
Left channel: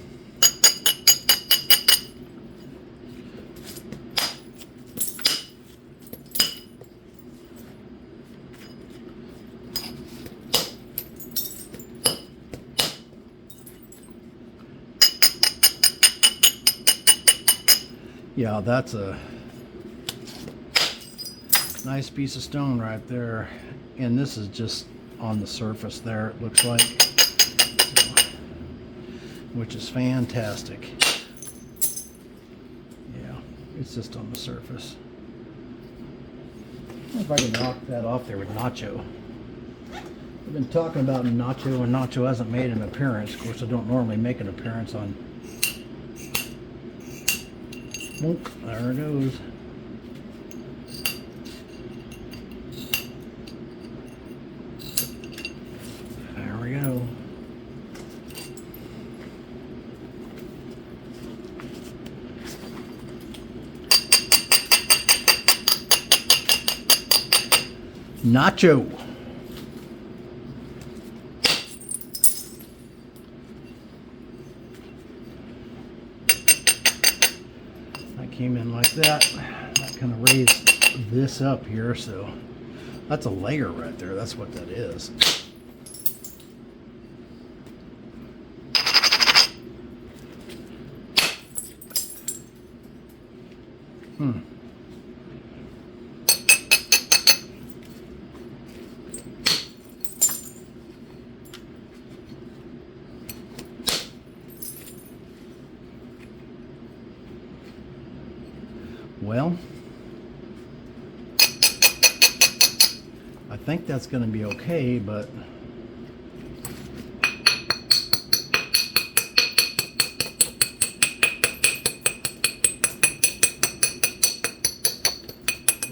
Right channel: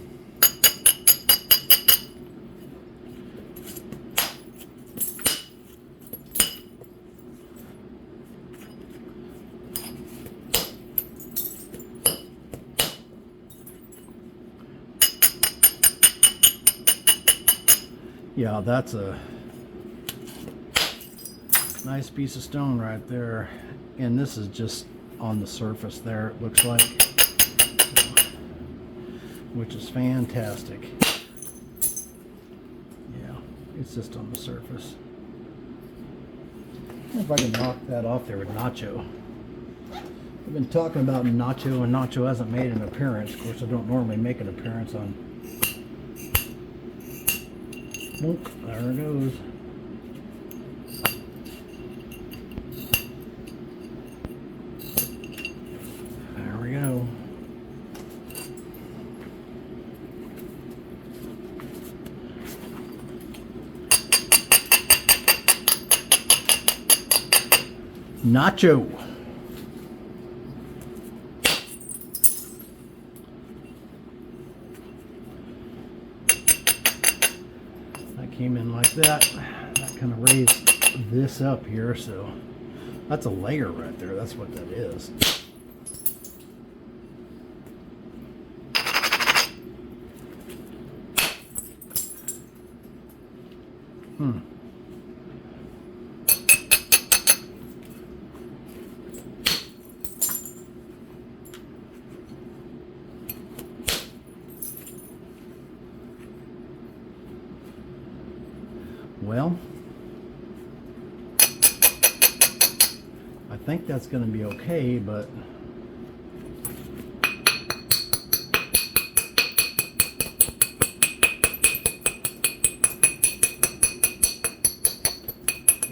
Yeah, that's a nice piece of stone right there. And this is just on the surface there, it looks like, which is fantastic. Yeah, it's just on the surface. I wonder if I can knock that off there with Nacho. I've been talking about Nacho, and Nacho hasn't made an appearance. Of course, I don't normally make an appearance on. Nope, there it goes. There we go. Nacho. That came in like that. That kind of raised this up here, so that's a layer right there. That's what that is. Well, I think that's going to be okay, but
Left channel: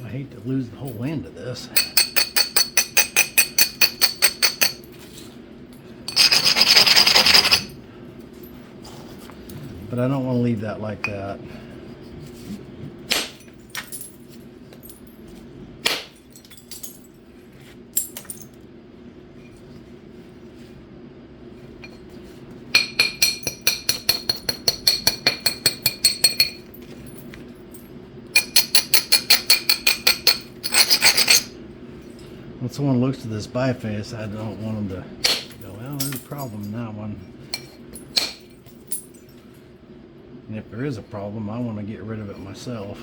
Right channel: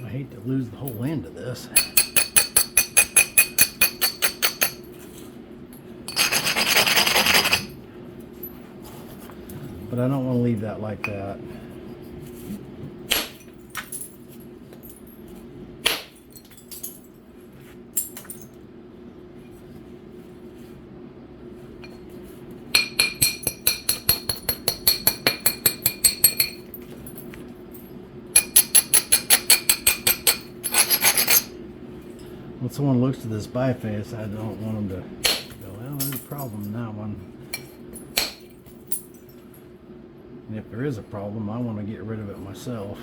I hate to lose the whole end of this. But I don't want to leave that like that. When someone looks at this biface, I don't want them to go, well, there's a problem in that one. And if there is a problem, I want to get rid of it myself.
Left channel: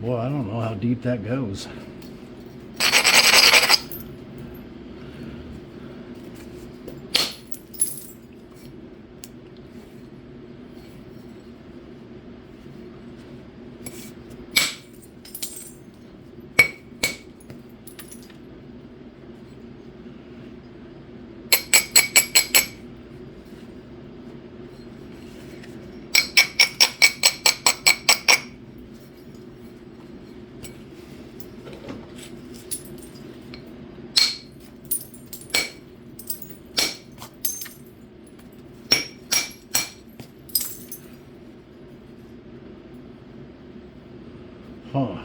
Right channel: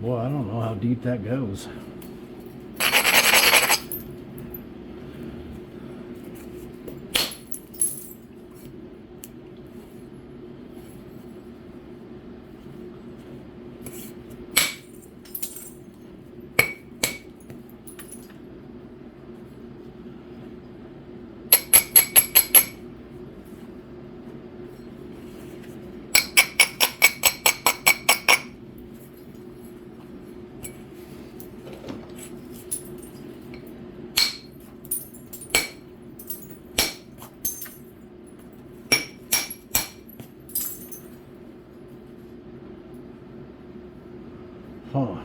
Boy, I don't know how deep that goes. Huh.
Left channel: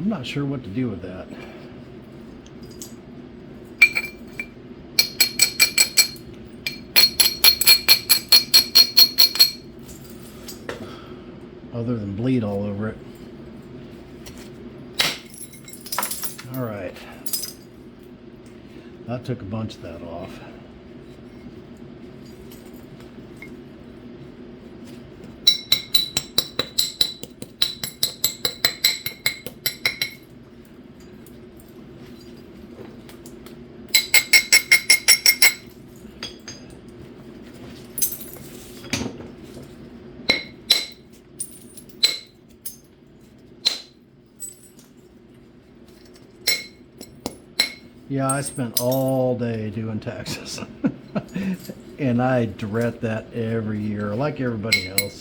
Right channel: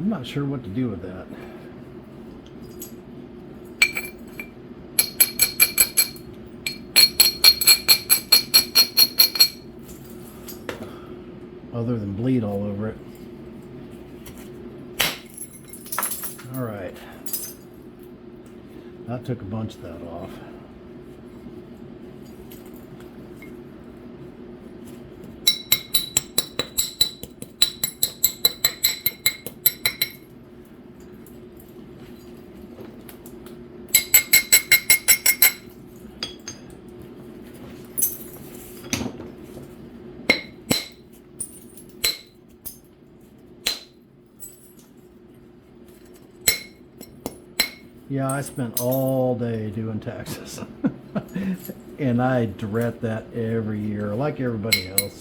I'm not sure what to do with that. Other than bleed all over it. All right. That took a bunch of that off. Yeah, I spent all day doing taxes. And I dread that every year, like everybody else.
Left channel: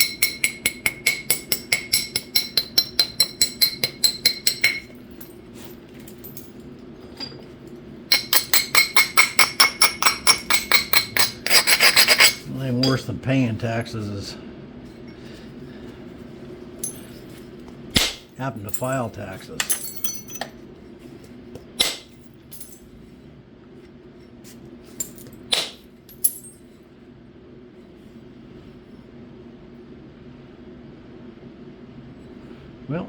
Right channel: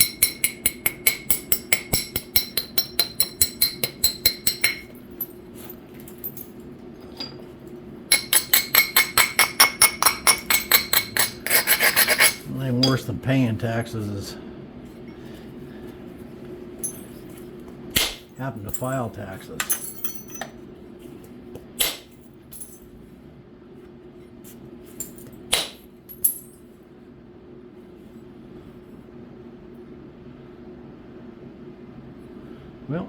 Nothing worse than paying taxes is having to file taxes. Well,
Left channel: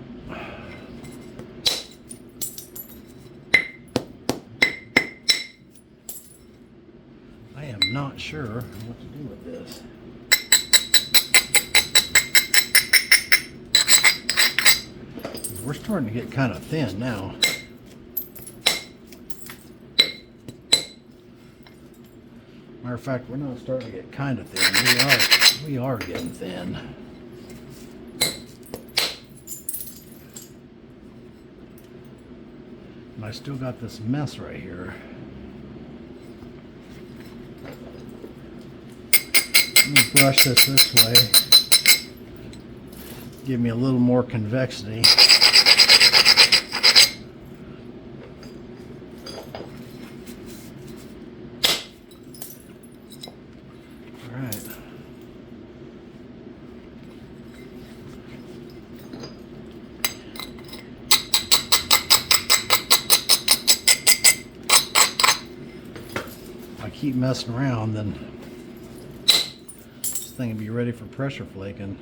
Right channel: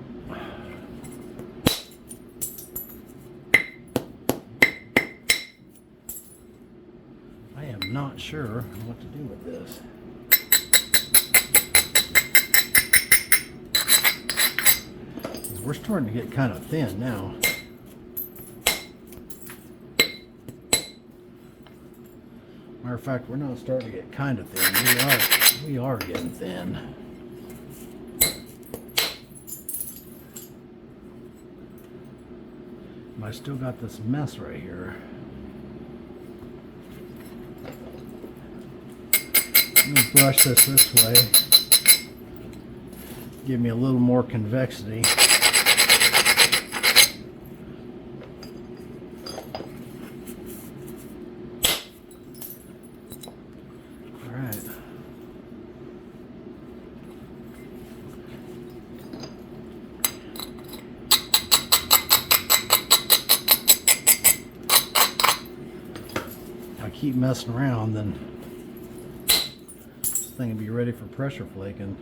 I am not sure what to do with this. We're starting to get kind of thin now. Matter of fact, we're not starting to get kind of thin. We are getting thin. And I still got this mess right here. I'm gonna brush this way. Give me a little more convexity. Keep messing around, then this thing will be ready for pressure flaking.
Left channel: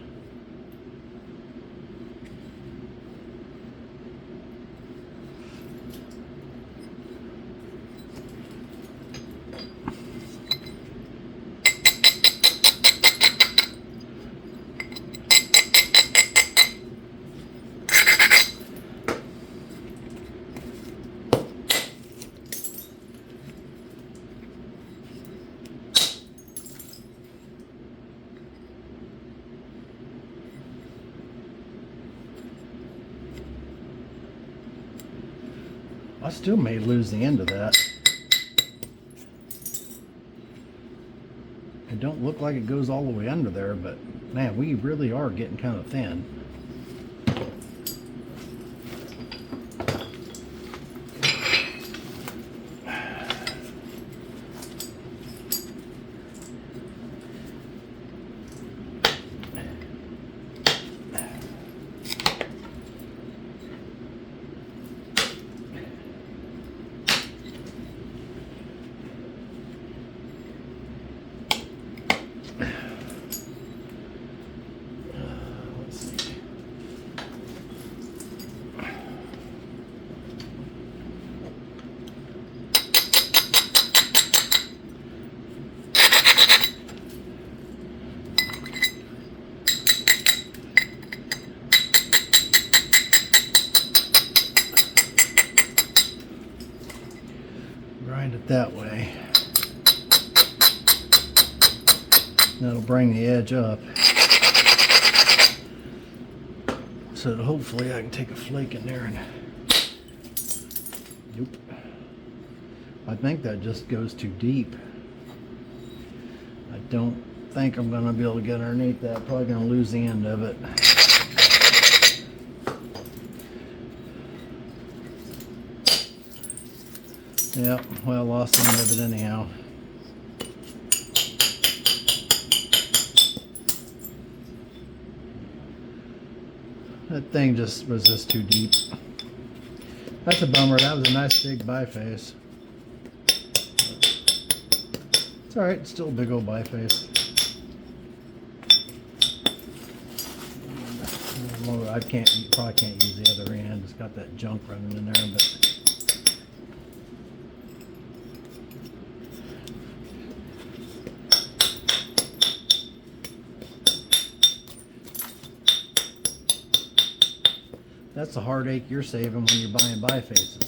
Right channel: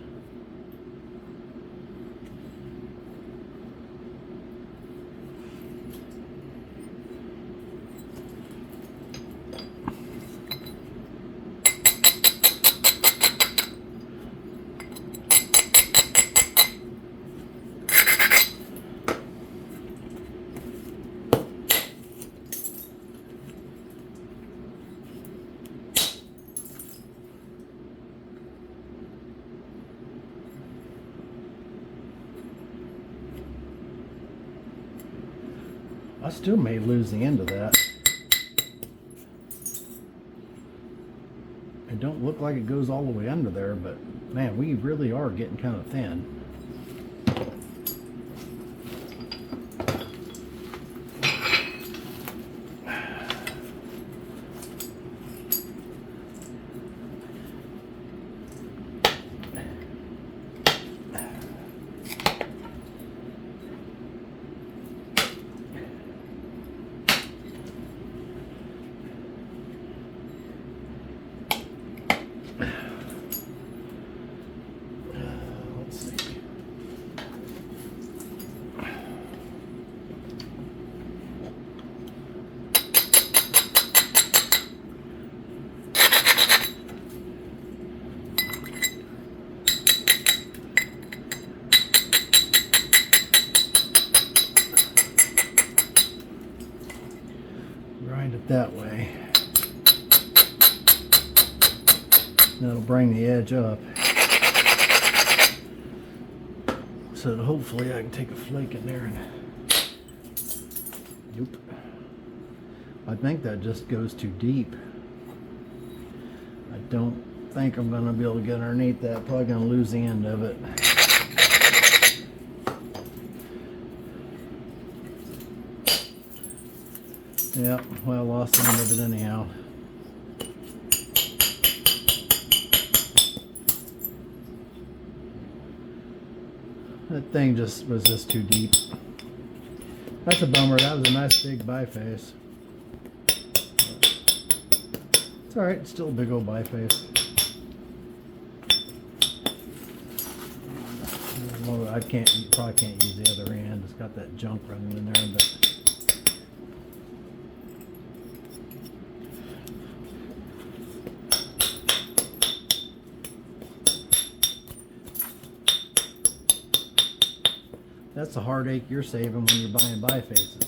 I still may lose the end of that. It don't look like it goes all the way under there, but man, we really are getting kind of thin. Grind it that way. That'll bring the edge up. So that hopefully I can take a flake in there and... Nope. I think that just goes too deep. I don't think I'm going to be able to get underneath that. Probably going to lose the end of it. Yeah, well, I lost the end of it anyhow. That thing was just too deep. That's a bummer. That was a nice big biface. It's alright, it's still a big old biface. Well, probably can't use the other end. It's got that junk running in there, but that's the heartache you're saving when you're buying bifaces.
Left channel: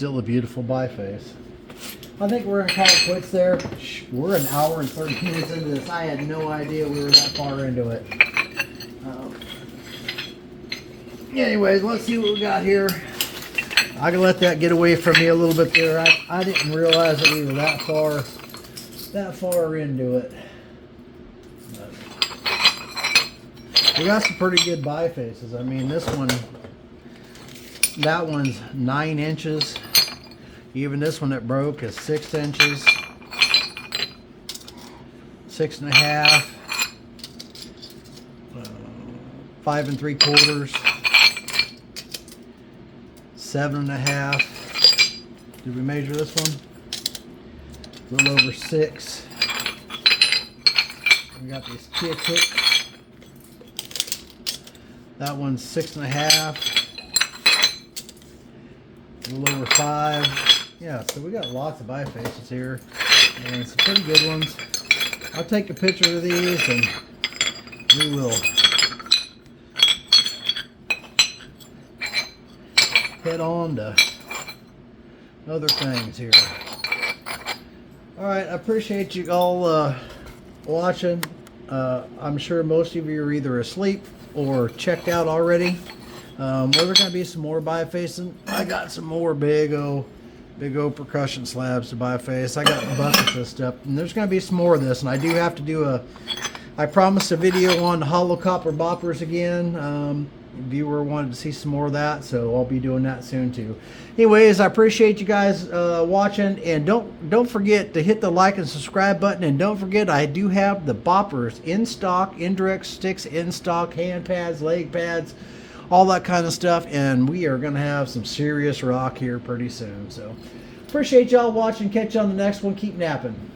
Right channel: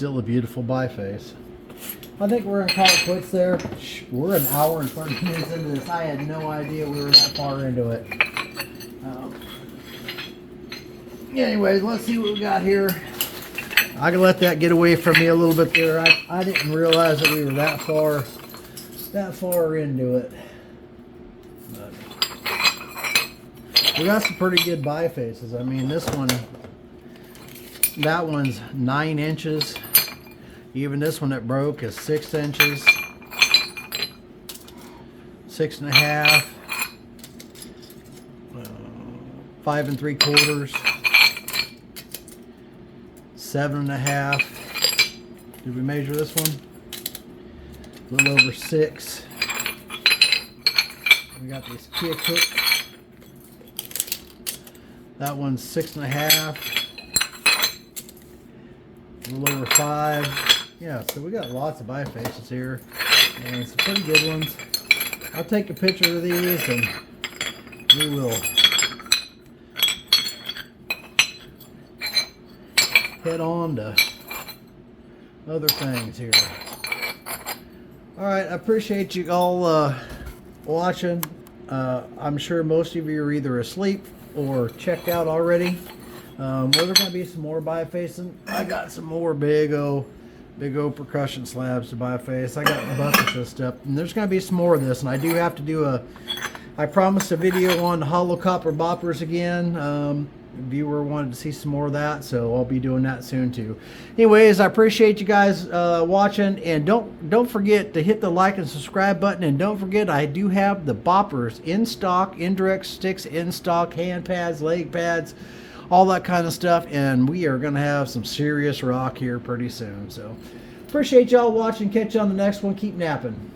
still a beautiful biface. I think we're gonna call it quits there. We're an hour and 30 minutes into this. I had no idea we were that far into it. Anyways, let's see what we got here. I can let that get away from me a little bit there. I didn't realize that we were that far into it. But we got some pretty good bifaces. I mean, this one, that one's 9 inches. Even this one that broke is 6 inches. 6.5. 5 3/4. 7.5. Did we measure this one? A little over 6. We got this Kia Cook. That one's 6.5. A little over 5. Yeah, so we got lots of bifaces here, and some pretty good ones. I'll take a picture of these, and we will head on to other things here. Alright, I appreciate you all watching. I'm sure most of you are either asleep or checked out already. Well, there's going to be some more bifacing. I got some more big old percussion slabs to biface. I got buckets of stuff, and there's going to be some more of this, and I do have to do I promised a video on hollow copper boppers again. Viewer wanted to see some more of that, so I'll be doing that soon too. Anyways, I appreciate you guys watching, and don't forget to hit the like and subscribe button, and don't forget I do have the boppers in stock, indirect sticks in stock, hand pads, leg pads, all that kind of stuff, and we are going to have some serious rock here pretty soon. So appreciate y'all watching. Catch you on the next one. Keep napping.